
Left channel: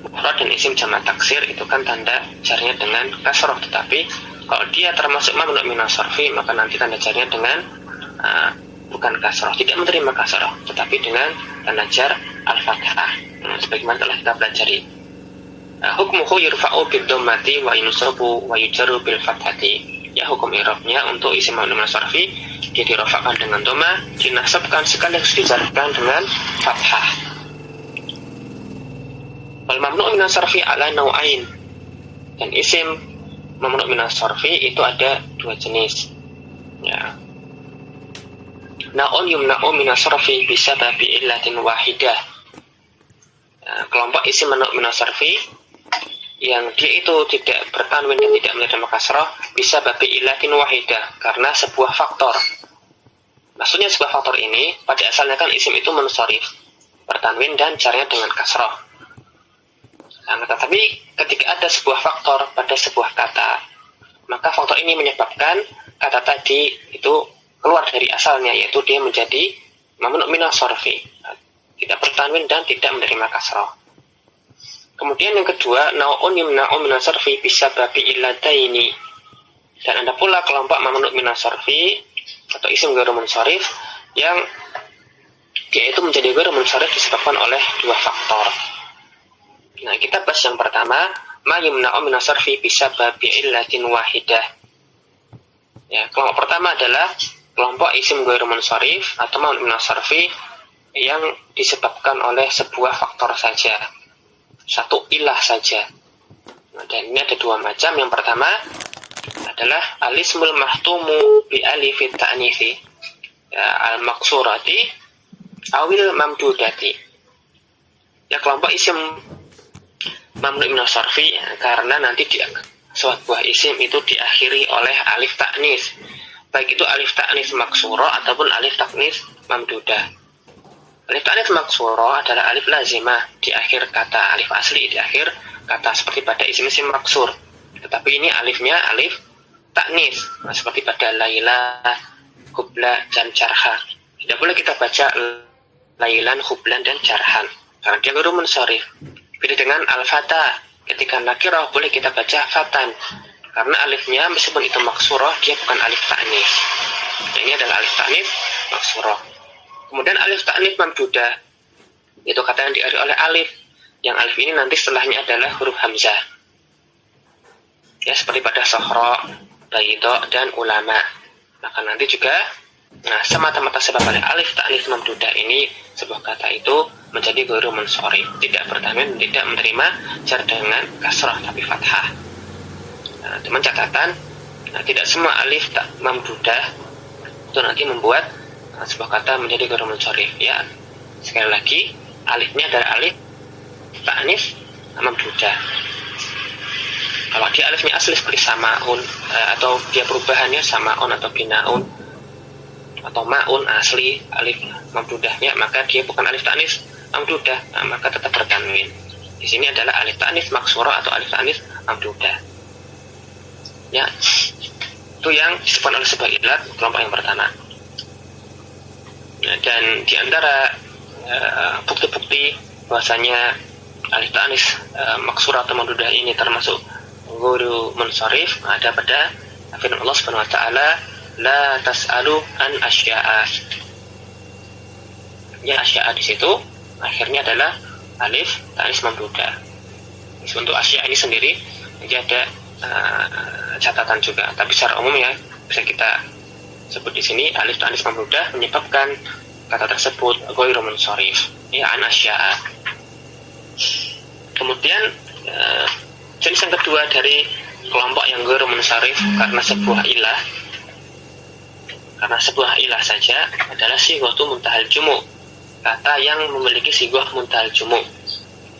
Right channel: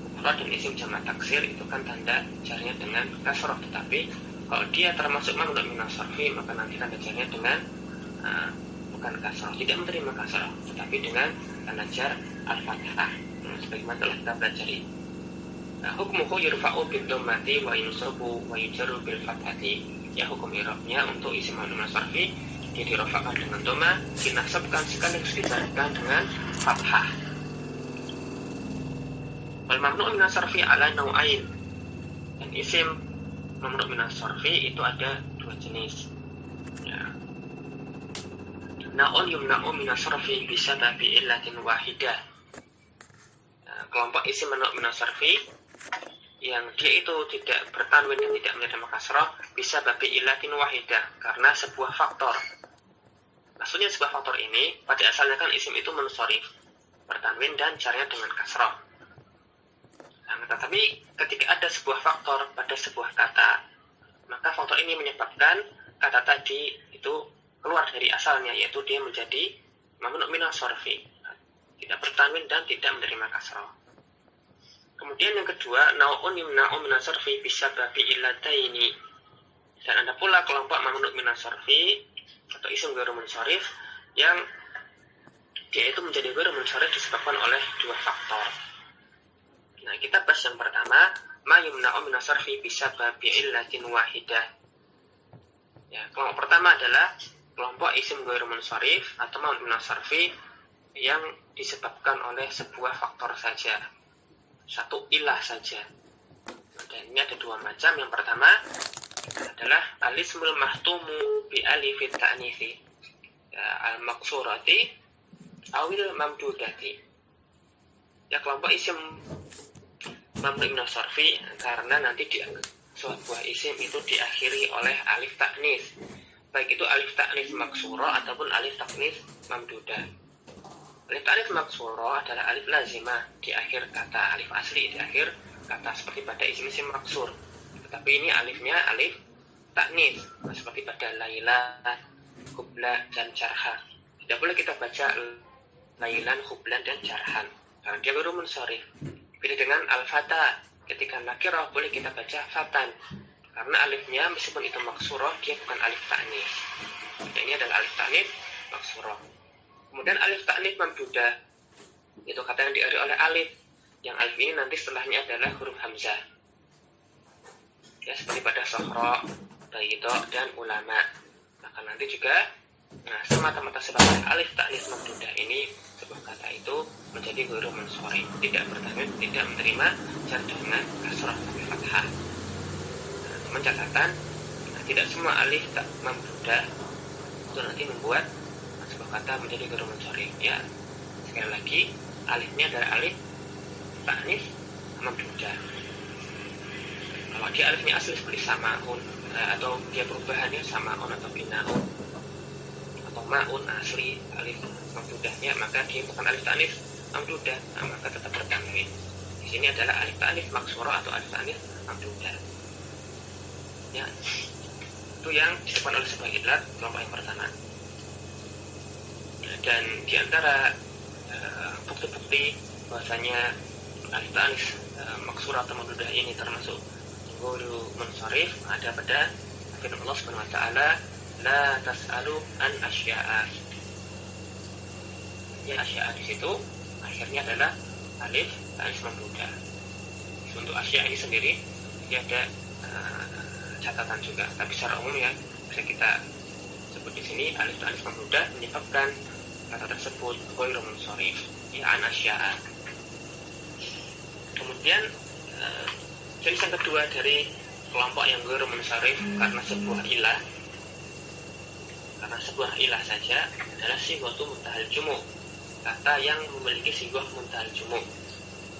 mufrad dan isim jamak taksir itu kan tanda jarnya dengan kasroh, tetapi kalau dia termasuk mamnu' min as-sarfi, maka nanti tanda jarnya dengan bukan kasroh, tidak menerima kasroh, tetapi dengan tanda jar al-fathah. Sebagaimana telah kita pelajari. Hukmuhu yurfa'u bid-dhammati wa yunsabu wa yujarru bil fathati. Ya, hukum i'rabnya untuk isim mamnu' min as-sarfi, dia dirafa'kan dengan dhamma, dinasabkan sekaligus dijarkan dengan fathah. Wal mamnu' min as-sarfi ala nau'ain. Dan isim mamnu' min as-sarfi itu ada dua jenis. Ya. Na'un yumna'u min as-sarfi bisababi illatin wahidah. kelompok isim man'u min as-sarfi yang dia itu tidak bertanwin dan tidak menerima kasrah bisa babi ilatin wahidah karena sebuah faktor. Maksudnya sebuah faktor ini pada asalnya kan isim itu munsharif, bertanwin dan caranya dengan kasrah. Nah, tetapi ketika ada sebuah faktor pada sebuah kata, maka faktor ini menyebabkan kata tadi itu keluar dari asalnya, yaitu dia menjadi mamnu' min as-sarfi, tidak bertanwin dan tidak menerima kasrah. Kemudian yang kedua, nau'un yumna'u min as-sarfi bisa babi illataini. Dan ada pula kelompok mamnu' min as-sarfi atau isim ghairu munsharif yang dia itu menjadi ghairu munsharif disebabkan oleh dua faktor. Nah, kita bahas yang pertama, ma yumna'u min as-sarfi bisa babi illatin wahidah. Ya, kelompok pertama adalah kelompok isim ghairu munsharif atau mamnu' min as-sarfi yang disebabkan oleh sebuah faktor saja. Satu ilah saja. Dan ini ada dua macam. Yang pertama adalah alismul mahtumu bi alifit ta'nifi, ya, al-maksurati awil mamdudati. Ya, kelompok isim mamnu' min as-sarfi karena nanti sebuah isim itu diakhiri oleh alif ta'nis, baik itu alif ta'nis maksura ataupun alif ta'nis mamdudah. Alif ta'nis maksura adalah alif lazimah di akhir kata, alif asli di akhir kata seperti pada isim-isim maksur. Tetapi ini alifnya alif ta'nis, seperti pada Laila, Hubla, dan Jarha. Tidak boleh kita baca Lailan, Hublan, dan Jarhan karena dia ghairu munsharif. Beda dengan al-fata, ketika nakirah boleh kita baca fatan karena alifnya meskipun itu maksurah dia bukan alif ta'nis. Ini adalah alif ta'nis maksurah. Kemudian alif ta'nits mamdudah, itu kata yang diakhiri oleh alif, yang alif ini nanti setelahnya adalah huruf hamzah, ya, seperti pada Sohra, Baydo, dan Ulama. Maka nanti juga, nah, semata-mata sebab oleh alif ta'nits mamdudah ini sebuah kata itu menjadi ghairu munsharif, tidak bertanwin, tidak menerima jar dengan kasrah tapi fathah. Nah, teman catatan, nah, tidak semua alif tak mamdudah itu nanti membuat sebuah kata menjadi ghairu munsharif. Ya, sekali lagi alifnya adalah alif ta'nis mamdudah. Kalau dia alifnya asli seperti samaun, atau dia perubahannya samaun atau binaun atau maun asli alif mamdudahnya, maka dia bukan alif ta'nis mamdudah, maka tetap bertanwin. Di sini adalah alif ta'nis maksura atau alif ta'nis mamdudah. Ya, itu yang disebutkan oleh sebuah ilat kelompok yang pertama. Dan di antara bukti-bukti bahwasanya alif ta'nis maksura atau mamdudah ini termasuk ghairu munsharif ada pada firman Allah Subhanahu wa taala, la tas'alu an asya'a. Ya, asya'a di situ akhirnya adalah alif ta'nis mamdudah. Untuk asya'a ini sendiri jadi ada catatan juga, tapi secara umum ya bisa kita sebut di sini alif ta'nis mamdudah menyebabkan kata tersebut ghairu munsharif, ya, an asya'a. Kemudian jenis yang kedua dari kelompok yang ghairu munsharif karena sebuah ilah saja adalah sighatu muntahal jumu', kata yang memiliki sighah muntahal jumu'.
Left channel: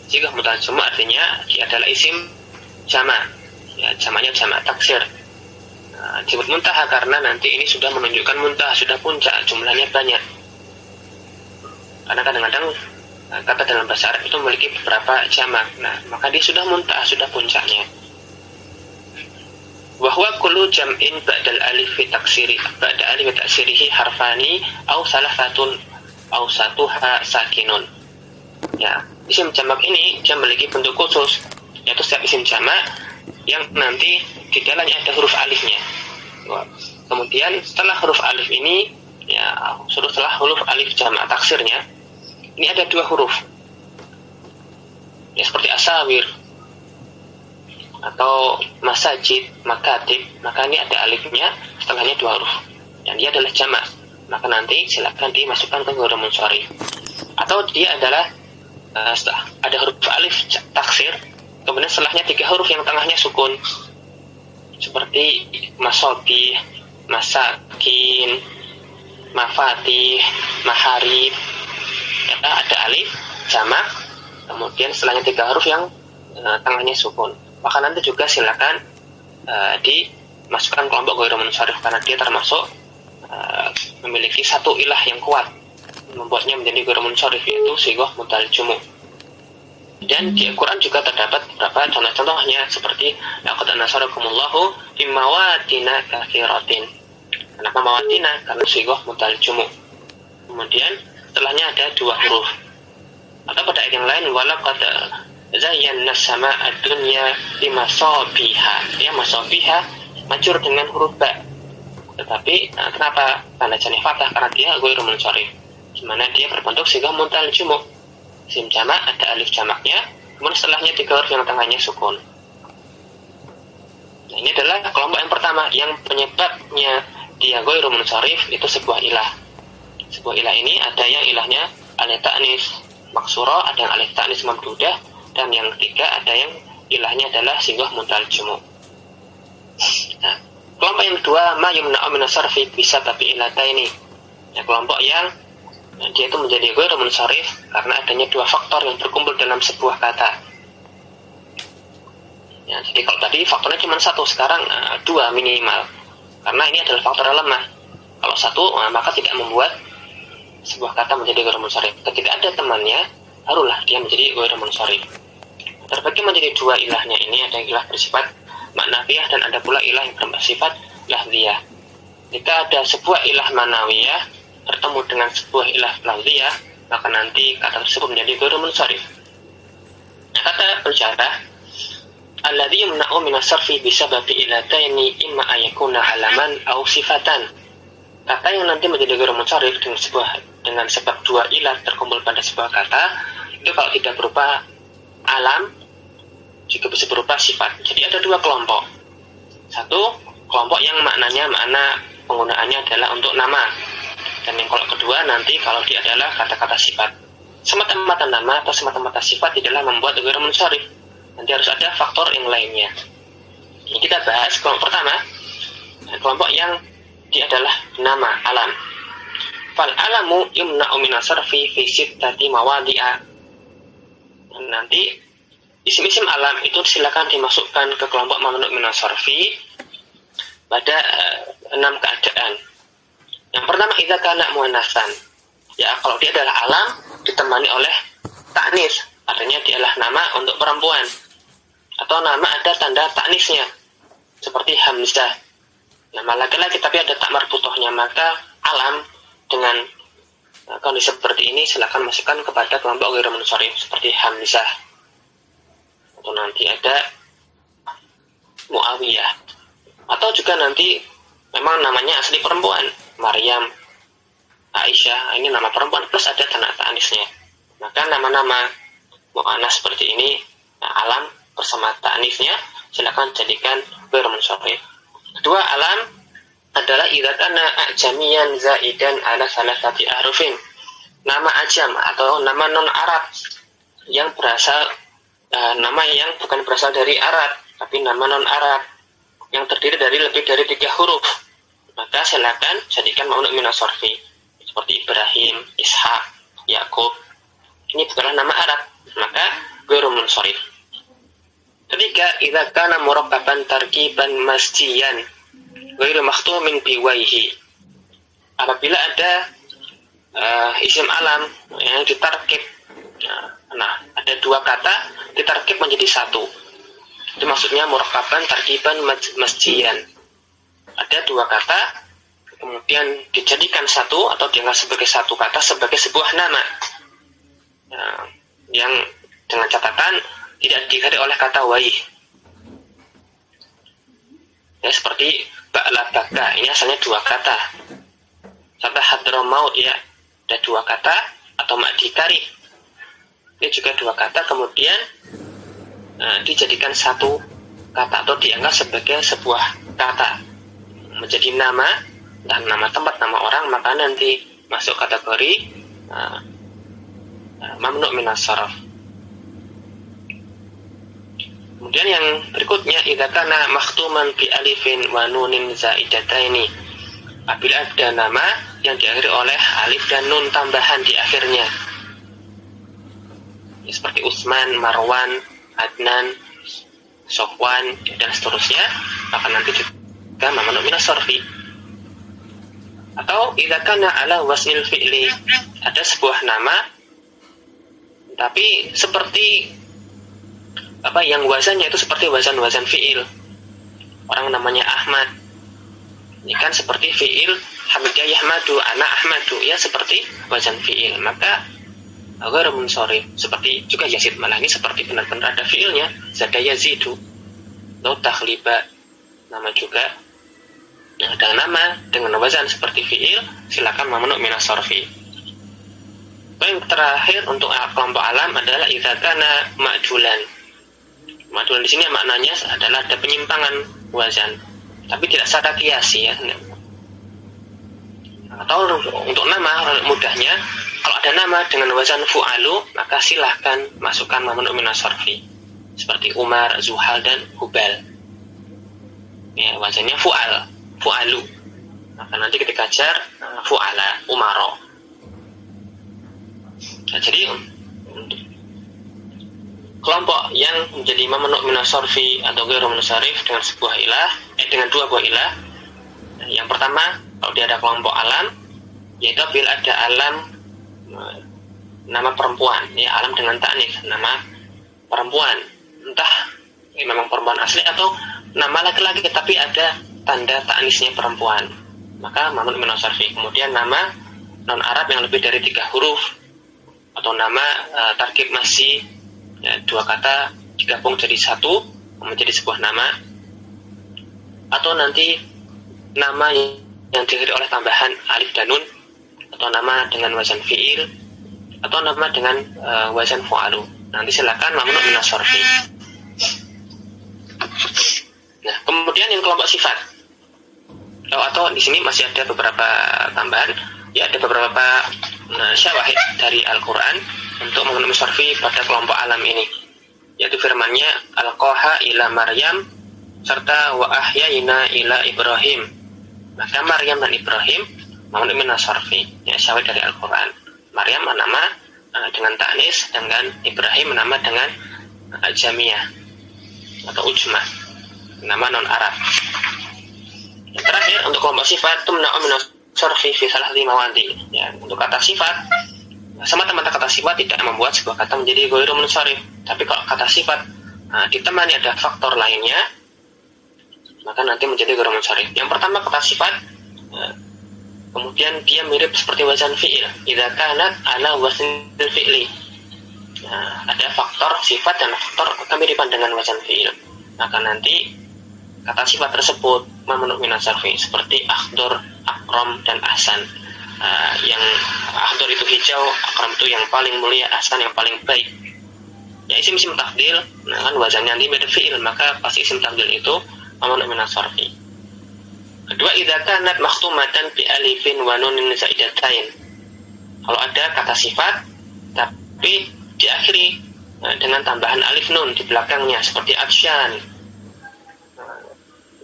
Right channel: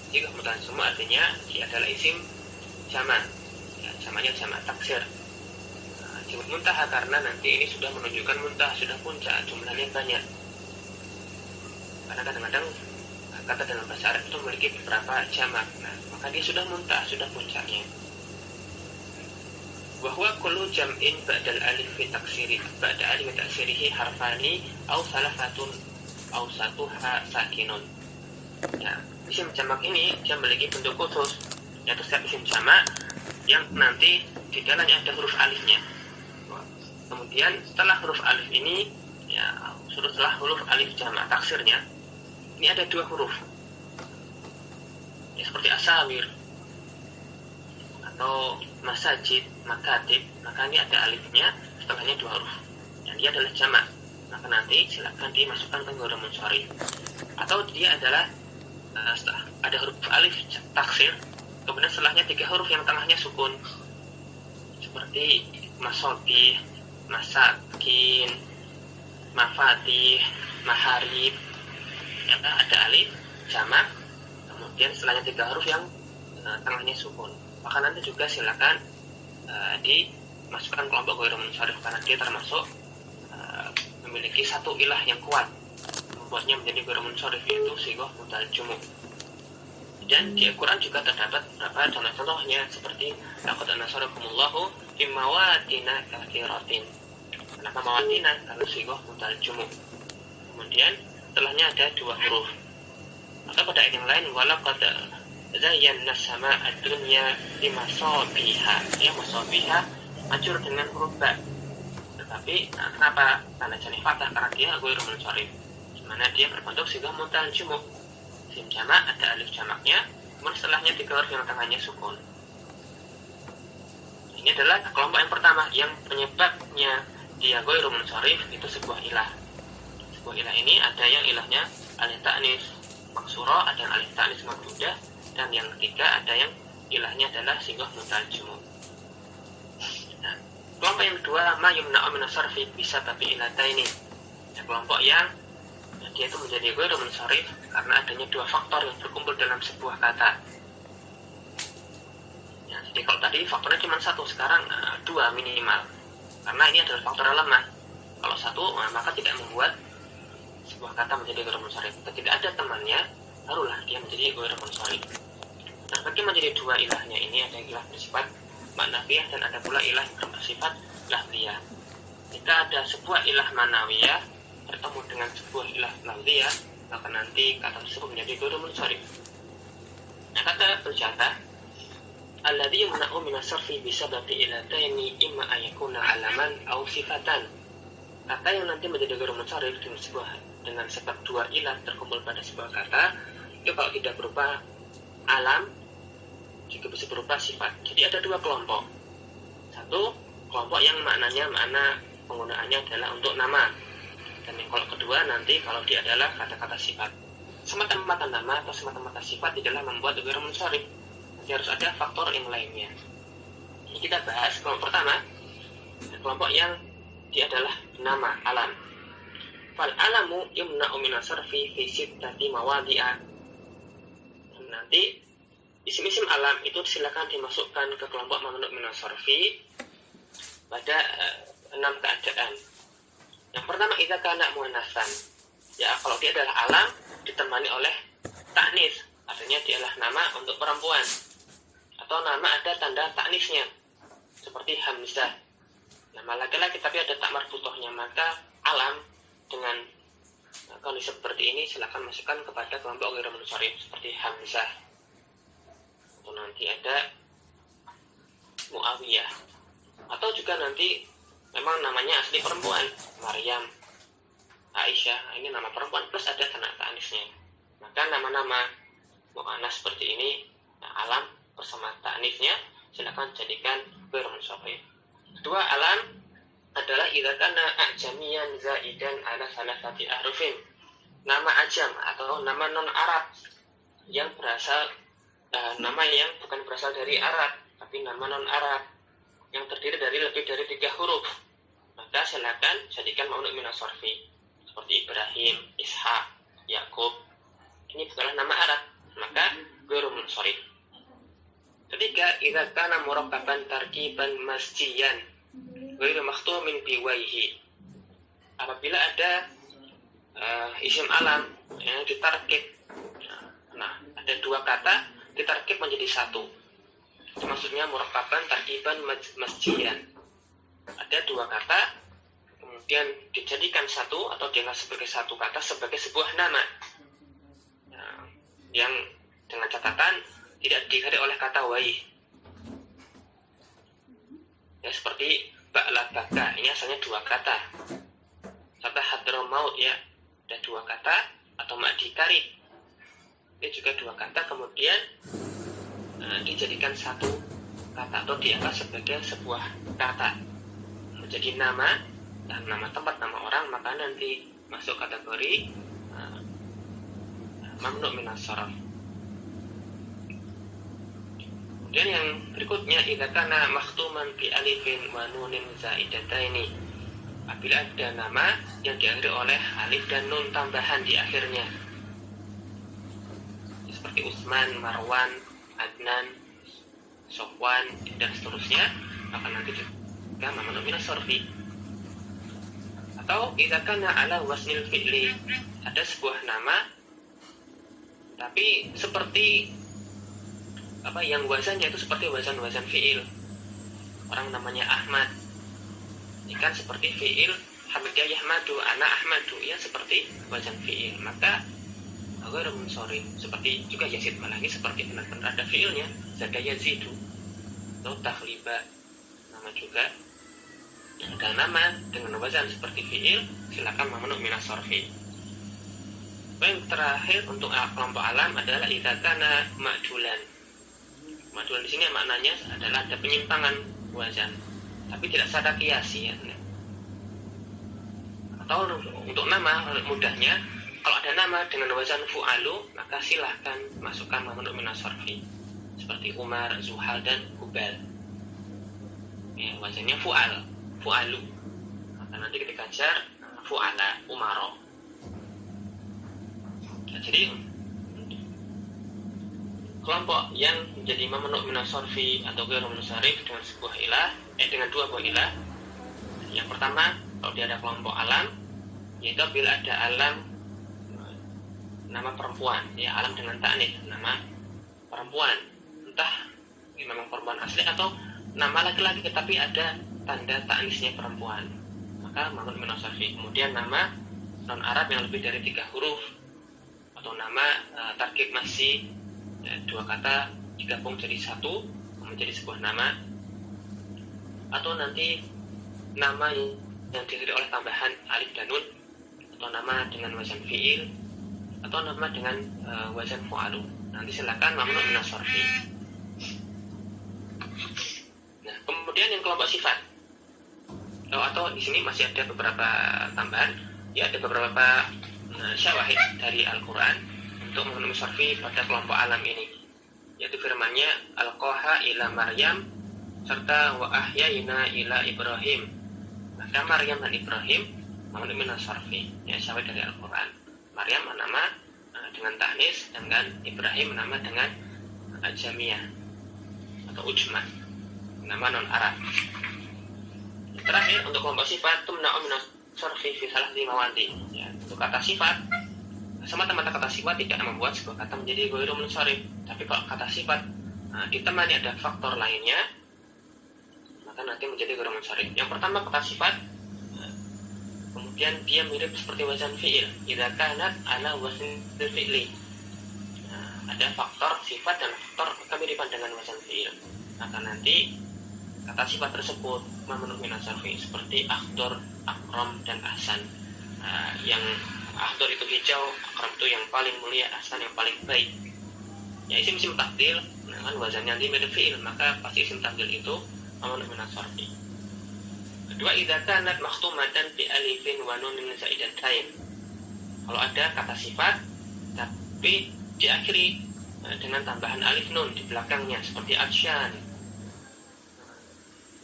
Sighah muntahal jumu' artinya dia adalah isim jama', ya, jamaknya jama' taksir. Disebut muntaha karena nanti ini sudah menunjukkan muntah, sudah puncak, jumlahnya banyak. Karena kadang-kadang kata dalam bahasa Arab itu memiliki beberapa jamak. Nah, maka dia sudah muntah, sudah puncaknya. Wa huwa kullu jam'in ba'dal alif taksiri, ba'da alif taksirihi harfani aw salasatun aw satuha sakinun. Ya, isim jamak ini dia memiliki bentuk khusus, yaitu setiap isim jamak yang nanti di dalamnya ada huruf alifnya. Kemudian setelah huruf alif ini, ya, setelah huruf alif jamak taksirnya, ini ada dua huruf, ya, seperti asawir atau masajid, makatib, maka ini ada alifnya, setelahnya dua huruf, dan dia adalah jamak, maka nanti silakan dimasukkan ke ghairu munsharif. Atau dia adalah ada huruf alif taksir, kemudian setelahnya tiga huruf yang tengahnya sukun, seperti masobi, masakin, mafatih, maharib. Ya, ada alif jamak, kemudian setelahnya 3 huruf yang tengahnya sukun. Maka nanti juga silakan dimasukkan kelompok ghairu munsharif karena dia termasuk memiliki satu ilah yang kuat membuatnya menjadi ghairu munsharif, yaitu sighah muntal jumu. Dan di Al-Quran juga terdapat beberapa contoh-contohnya seperti laqad nasarakumullahu fi mawatina katsiratin. Kenapa mawatina? Karena sighah muntal jumu. Kemudian setelahnya ada 2 huruf. Atau pada ayat yang lain walaqad zayyana as-samaa'a ad-dunya bimasabiha. Ya, masabiha majur dengan huruf ba. Tetapi kenapa tanda jani fathah? Karena dia ghairu munsharif, di mana dia berbentuk sighah muntal jumu. Sim jamak ada alif jamaknya, kemudian setelahnya 3 huruf yang tengahnya sukun. Nah, ini adalah kelompok yang pertama, yang penyebabnya dia ghairu munsharif itu sebuah ilah. Sebuah ilah ini ada yang ilahnya alif ta'nis maksura, ada yang alif ta'nis mamdudah, dan yang ketiga ada yang ilahnya adalah sighah muntal jumu. Nah, kelompok yang kedua ma yumna'u min as-sarfi bisa tapi ilataini. Ya, kelompok yang dia itu menjadi ghairu munsharif karena adanya 2 faktor yang berkumpul dalam sebuah kata. Ya, jadi kalau tadi faktornya cuma 1, sekarang 2 minimal. Karena ini adalah faktor yang lemah. Kalau 1 maka tidak membuat sebuah kata menjadi ghairu munsharif. Ketika ada temannya, barulah dia menjadi ghairu munsharif. Terbagi menjadi 2 ilahnya ini, ada ilah bersifat ma'nawiyah dan ada pula ilah yang bersifat lahdiyah. Jika ada sebuah ilah ma'nawiyah bertemu dengan sebuah ilah lahdiyah, maka nanti kata tersebut menjadi ghairu munsharif. Kata pensyarah, alladzi yumna'u min as-sarfi bisababi ilataini imma ayakuna halaman aw sifatan. Kata yang nanti menjadi ghairu munsharif dengan sebab 2 ilah terkumpul pada sebuah kata, itu kalau tidak berupa alam juga bisa berupa sifat. Jadi ada 2 kelompok. Satu kelompok yang maknanya makna penggunaannya adalah untuk nama, dan yang kelompok kedua nanti kalau dia adalah kata-kata sifat. Semata-mata nama atau semata-mata sifat tidaklah membuat ghairu munsharif. Nanti harus ada faktor yang lainnya. Ini kita bahas kelompok pertama, kelompok yang dia adalah nama, alam. Fal alamu yumna'u min as-sarfi fi sittati mawadi'a. Nanti isim-isim alam itu silakan dimasukkan ke kelompok mamnu' min as-sarfi pada 6 keadaan. Yang pertama, idza kana muannatsan. Ya, kalau dia adalah alam ditemani oleh ta'nis, artinya dia adalah nama untuk perempuan. Atau nama ada tanda ta'nisnya, seperti hamzah. Nama laki-laki tapi ada tak marbutohnya, maka alam dengan kondisi seperti ini silakan masukkan kepada kelompok ghairu munsharif seperti hamzah. Atau nanti ada Muawiyah. Atau juga nanti memang namanya asli perempuan, Maryam, Aisyah, ini nama perempuan plus ada tanda ta'nisnya. Maka nama-nama mu'annas seperti ini, alam bersama ta'nisnya silakan jadikan ghairu munsharif. Kedua, alam adalah idza kana ajamiyan zaidan ala salasati ahrufin. Nama ajam atau nama non Arab yang berasal nama yang bukan berasal dari Arab tapi nama non Arab yang terdiri dari lebih dari 3 huruf, maka silakan jadikan mamnu' min as-sarfi seperti Ibrahim, Ishak, Yakub. Ini bukanlah nama Arab, maka ghairu munsharif. Ketiga, idza kana murakkaban tarkiban masjiyan ghairu makhtumin biwaihi. Apabila ada isim alam yang ditarkib, nah ada 2 kata ditarkib menjadi 1. Itu maksudnya murakkaban tarkiban masjiyan. Ada 2 kata kemudian dijadikan 1 atau dianggap sebagai 1 kata sebagai sebuah nama, yang dengan catatan tidak diganti oleh kata waih. Ya, seperti ba'la baka, ini asalnya 2 kata. Sampai hadramaut, ya ada 2 kata, atau ma'dikari, ini juga 2 kata kemudian dijadikan 1 kata atau dianggap sebagai sebuah kata menjadi nama, dan nama tempat, nama orang, maka nanti masuk kategori mamnu' min as-sarf. Kemudian yang berikutnya, idza kana makhtuman bi alifin wa nunin zaidataini. Apabila ada nama yang diakhiri oleh alif dan nun tambahan di akhirnya. ya, seperti Utsman, Marwan, Adnan, Sofwan dan seterusnya, maka nanti juga mamnu minas sarfi. Atau idza kana ala wasnil fi'li, ada sebuah nama tapi seperti yang wazannya itu seperti wazan fi'il. Orang namanya Ahmad, ini kan seperti fi'il hamida yahmadu, ana ahmadu, ya seperti wazan fi'il, maka ghairu munsharif. Seperti juga Yazid, malah ini seperti benar-benar ada fi'ilnya, zada yazidu. Atau takhliba, nama juga ada nama dengan wazan seperti fi'il, silakan mamnu minas sarfi. Yang terakhir untuk kelompok alam adalah idza kana ma'dulan. Ma'dulan di sini maknanya adalah ada penyimpangan wazan, tapi tidak secara kiasi, ya. Atau untuk nama mudahnya, kalau ada nama dengan wazan fu'alu, maka silahkan masukkan mamnu minas sarfi. Seperti Umar, Zuhal, dan Hubal. Ya, wazannya fu'alu. Maka nanti ketika jar fu'ala, Umaro. Nah, jadi kelompok yang menjadi mamnu minas sarfi atau ghairu munsharif dengan sebuah ilah, dengan dua buah ilah. Yang pertama, kalau dia ada kelompok alam, yaitu bila ada alam nama perempuan, ya, alam dengan ta'nits, nama perempuan, entah ini memang perempuan asli atau nama laki-laki tapi ada tanda ta'nitsnya perempuan, maka mamnu minas sarfi. Kemudian nama non Arab yang lebih dari 3 huruf, atau nama tarkib masih, ya, 2 kata digabung jadi satu menjadi sebuah nama, atau nanti nama yang diakhiri oleh tambahan alif dan nun, atau nama dengan wazan fi'il, atau nama dengan wazan fu'alu. Nanti silakan mamnu minas sarfi. Nah, kemudian yang kelompok sifat, atau di sini masih ada beberapa tambahan, ya, ada beberapa syawahid dari Al-Quran untuk mamnu minas sarfi pada kelompok alam ini, yaitu firman-Nya alqaha ila Maryam serta wa ahyaina ila Ibrahim. Maka Maryam dan Ibrahim mamnu minas sarfi, ya, syawahid dari Al-Quran. Maryam nama dengan ta'nis, dengan Ibrahim nama dengan jamiyah atau ujmah, nama non Arab. Yang terakhir untuk kelompok sifat, tumna'u minas sarfi fi salahati mawadi. Ya, untuk kata sifat, semata-mata kata sifat tidak membuat sebuah kata menjadi ghairu munsharif. Tapi kalau kata sifat ditemani ada faktor lainnya, maka nanti menjadi ghairu munsharif. Yang pertama, kata sifat kemudian dia mirip seperti wazan fi'il, idza kanat ala waznil fi'li. Ada faktor sifat dan faktor kemiripan dengan wazan fi'il, maka nanti kata sifat tersebut mamnu minas sarfi, seperti akhdur, akram, dan ahsan. Yang akhdur itu hijau, akram itu yang paling mulia, ahsan yang paling baik. Ya, isim tafdil, kan wazannya nanti mirip fi'il, maka pasti isim tafdil itu mamnu minas sarfi. Kedua, idza kanat makhtumatan bi alifin wa nunin zaidatain. Kalau ada kata sifat tapi diakhiri dengan tambahan alif nun di belakangnya, seperti atsyan,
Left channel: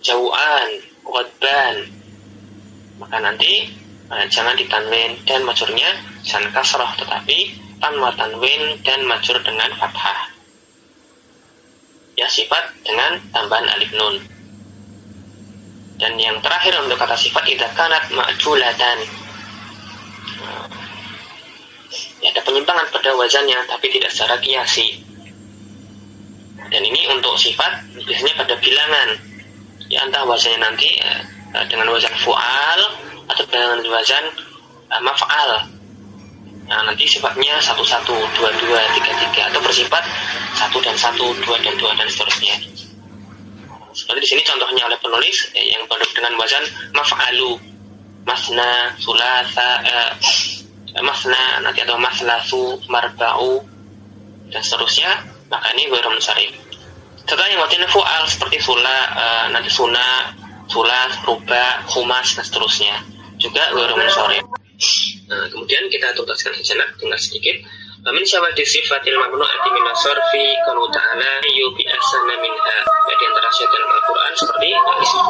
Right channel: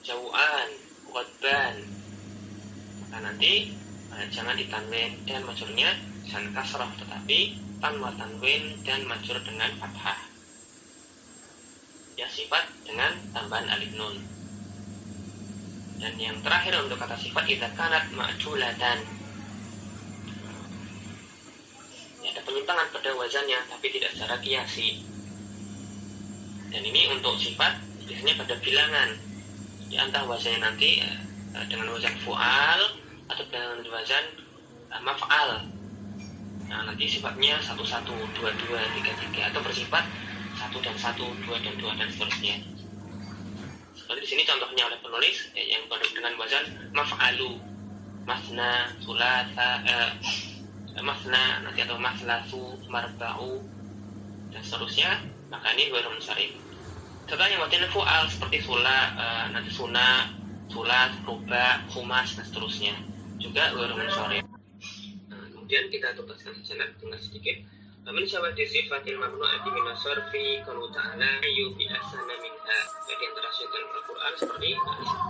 jauan, ghadban, maka nanti jangan ditanwin dan majurnya jangan kasrah, tetapi tanwa tanwin dan majur dengan fathah. Ya, sifat dengan tambahan alif nun. Dan yang terakhir untuk kata sifat, idza kanat ma'julatan, ya, ada penyimpangan pada wazannya tapi tidak secara kiasi. Dan ini untuk sifat biasanya pada bilangan, ya, entah wazannya nanti dengan wazan fu'al atau dengan wazan maf'al. Nah, nanti sifatnya 1, 1, 2, 2, 3, 3, atau bersifat 1 dan 1, 2 dan 2, dan seterusnya. Seperti di sini contohnya oleh penulis, yang dengan wazan maf'alu, masna, sulasa, masna nanti, atau maslasu, marba'u, dan seterusnya, maka ini ghairu munsharif. Contoh yang wazannya fu'al seperti nanti suna, sulas, ruba, khumas, dan seterusnya, juga ghairu munsharif. Nah, kemudian kita tuntaskan sejenak dengan sedikit. Min syawahid sifatil mamnu'ati minas sarfi qawlu ta'ala yubi ahsana minha. Di antara syaitan dalam Al-Quran seperti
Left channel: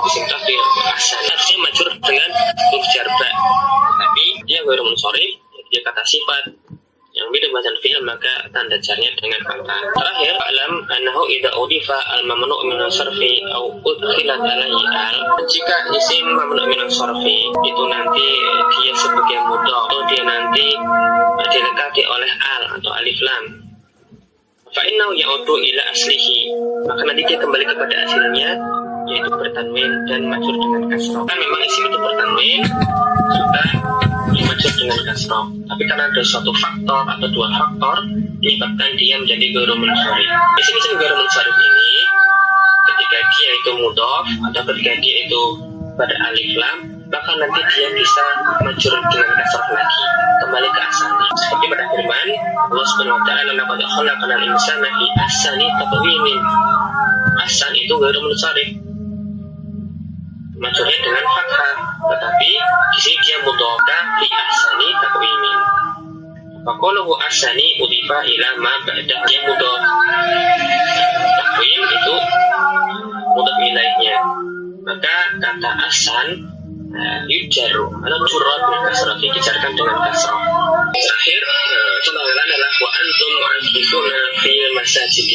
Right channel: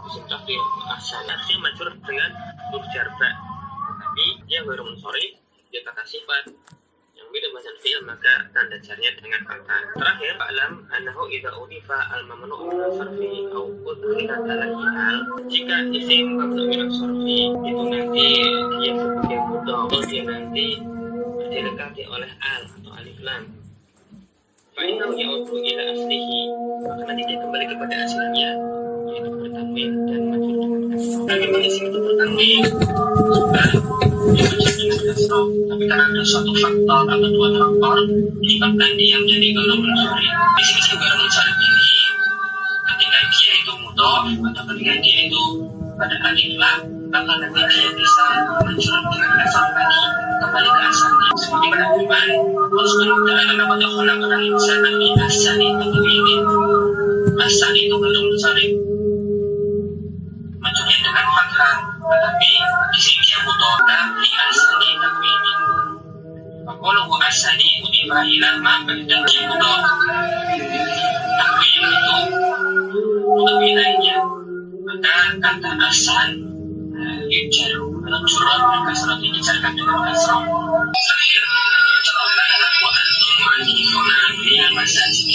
isim tafdil ahsan, harusnya majrur dengan huruf jar ba, tapi dia ghairu munsharif, dia kata sifat yang mirip wazan fi'il maka tanda jarnya dengan fathah. Terakhir, alam annahu idza udifa al-mamnu' min as-sarfi aw udkhilat alaihi al, jika isim mamnu' min as-sarfi itu nanti dia sebagai mudhaf, itu dia nanti dilekati oleh al atau alif lam, fa innahu ya'udu ila aslihi, maka nanti dia kembali kepada asalnya, yaitu bertanwin dan majrur dengan kasrah. Memang isim itu bertanwin juga majrur dengan kasrah, tapi karena ada suatu faktor atau dua faktor menyebabkan dia menjadi ghairul munsharif. Isim-isim ghairul munsharif ini ketika dia itu mudhaf atau ketika dia itu pada alif lam, maka nanti dia bisa majrur dengan kasrah lagi, kembali ke asalnya. Seperti pada firman Allah Subhanahu wa taala, laqad khalaqnal insana fi ahsani taqwim. Ahsan itu ghairul munsharif, majrurnya dengan fathah, tetapi di sini dia mudhaf fi ahsani taqwim. Faqalahu ahsani udifa ila ma ba'da, dia mudhaf. Taqwim itu mudhaf ilaihnya, maka kata ahsan yujaru atau jurra bil kasrah, dijarkan dengan kasrah. Terakhir, contoh adalah wa antum mu'akkifuna fil masajid.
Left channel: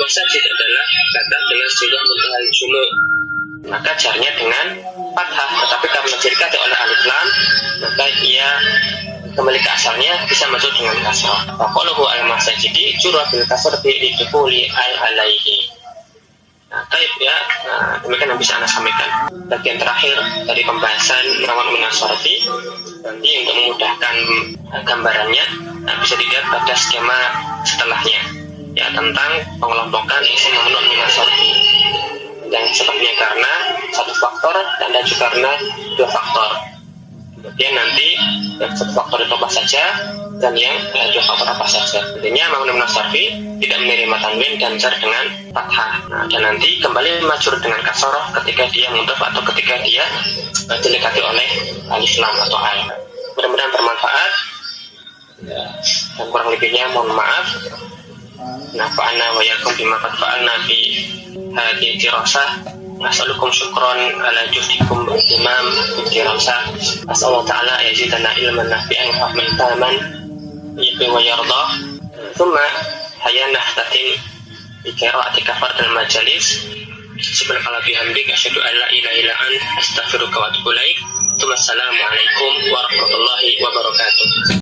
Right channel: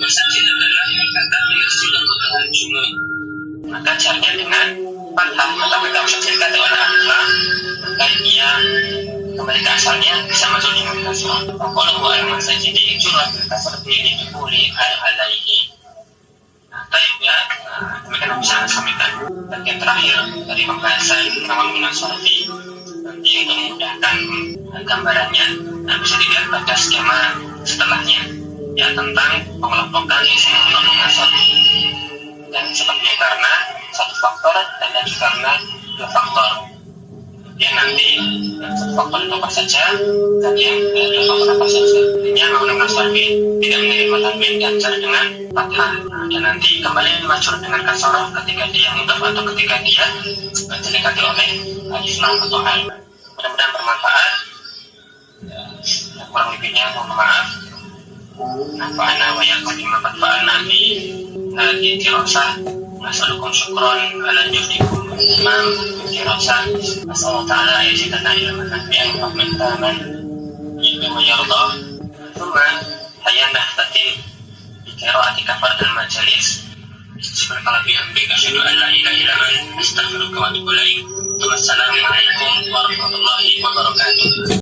Masajid adalah kata dengan sighah muntaha jumu', maka jarnya dengan fathah, tetapi kalau masjidkan oleh alif lam, maka ia kembali ke asalnya bisa majrur dengan kasrah. Faqalahu al-masajidi jurra bil kasrati lidukuli al-alaihi. Baik ya, demikian yang bisa Anda sampaikan. Bagian terakhir dari pembahasan mamnu' min as-sarfi, nanti untuk memudahkan gambarannya bisa dilihat pada skema setelahnya, ya, tentang pengelompokan isim mamnu' min as-sarfi. Yang sebabnya karena satu faktor dan juga karena dua faktor. Kemudian nanti yang satu faktor itu apa saja dan yang dua faktor apa saja. Artinya mamnu' min as-sarfi tidak menerima tanwin dan jar dengan fathah. Dan nanti kembali majrur dengan kasrah ketika dia mudhaf atau ketika dia dilekati oleh alif lam atau al. Mudah-mudahan bermanfaat. Dan kurang lebihnya mohon maaf. Nafa'ana wa yakum bima qad fa'alna fi hadhihi dirasah. Nas'alukum syukran ala juhdikum imam dirasah. As'alullah ta'ala yazidana ilman nafi'an wa fahman fahaman yuhibbu wa yardah. Thumma hayya nahtatin bi qira'ati kafarat al-majalis. Subhanallah bihamdika asyhadu an la ilaha illa anta astaghfiruka wa atubu ilaik. Assalamualaikum warahmatullahi wabarakatuh.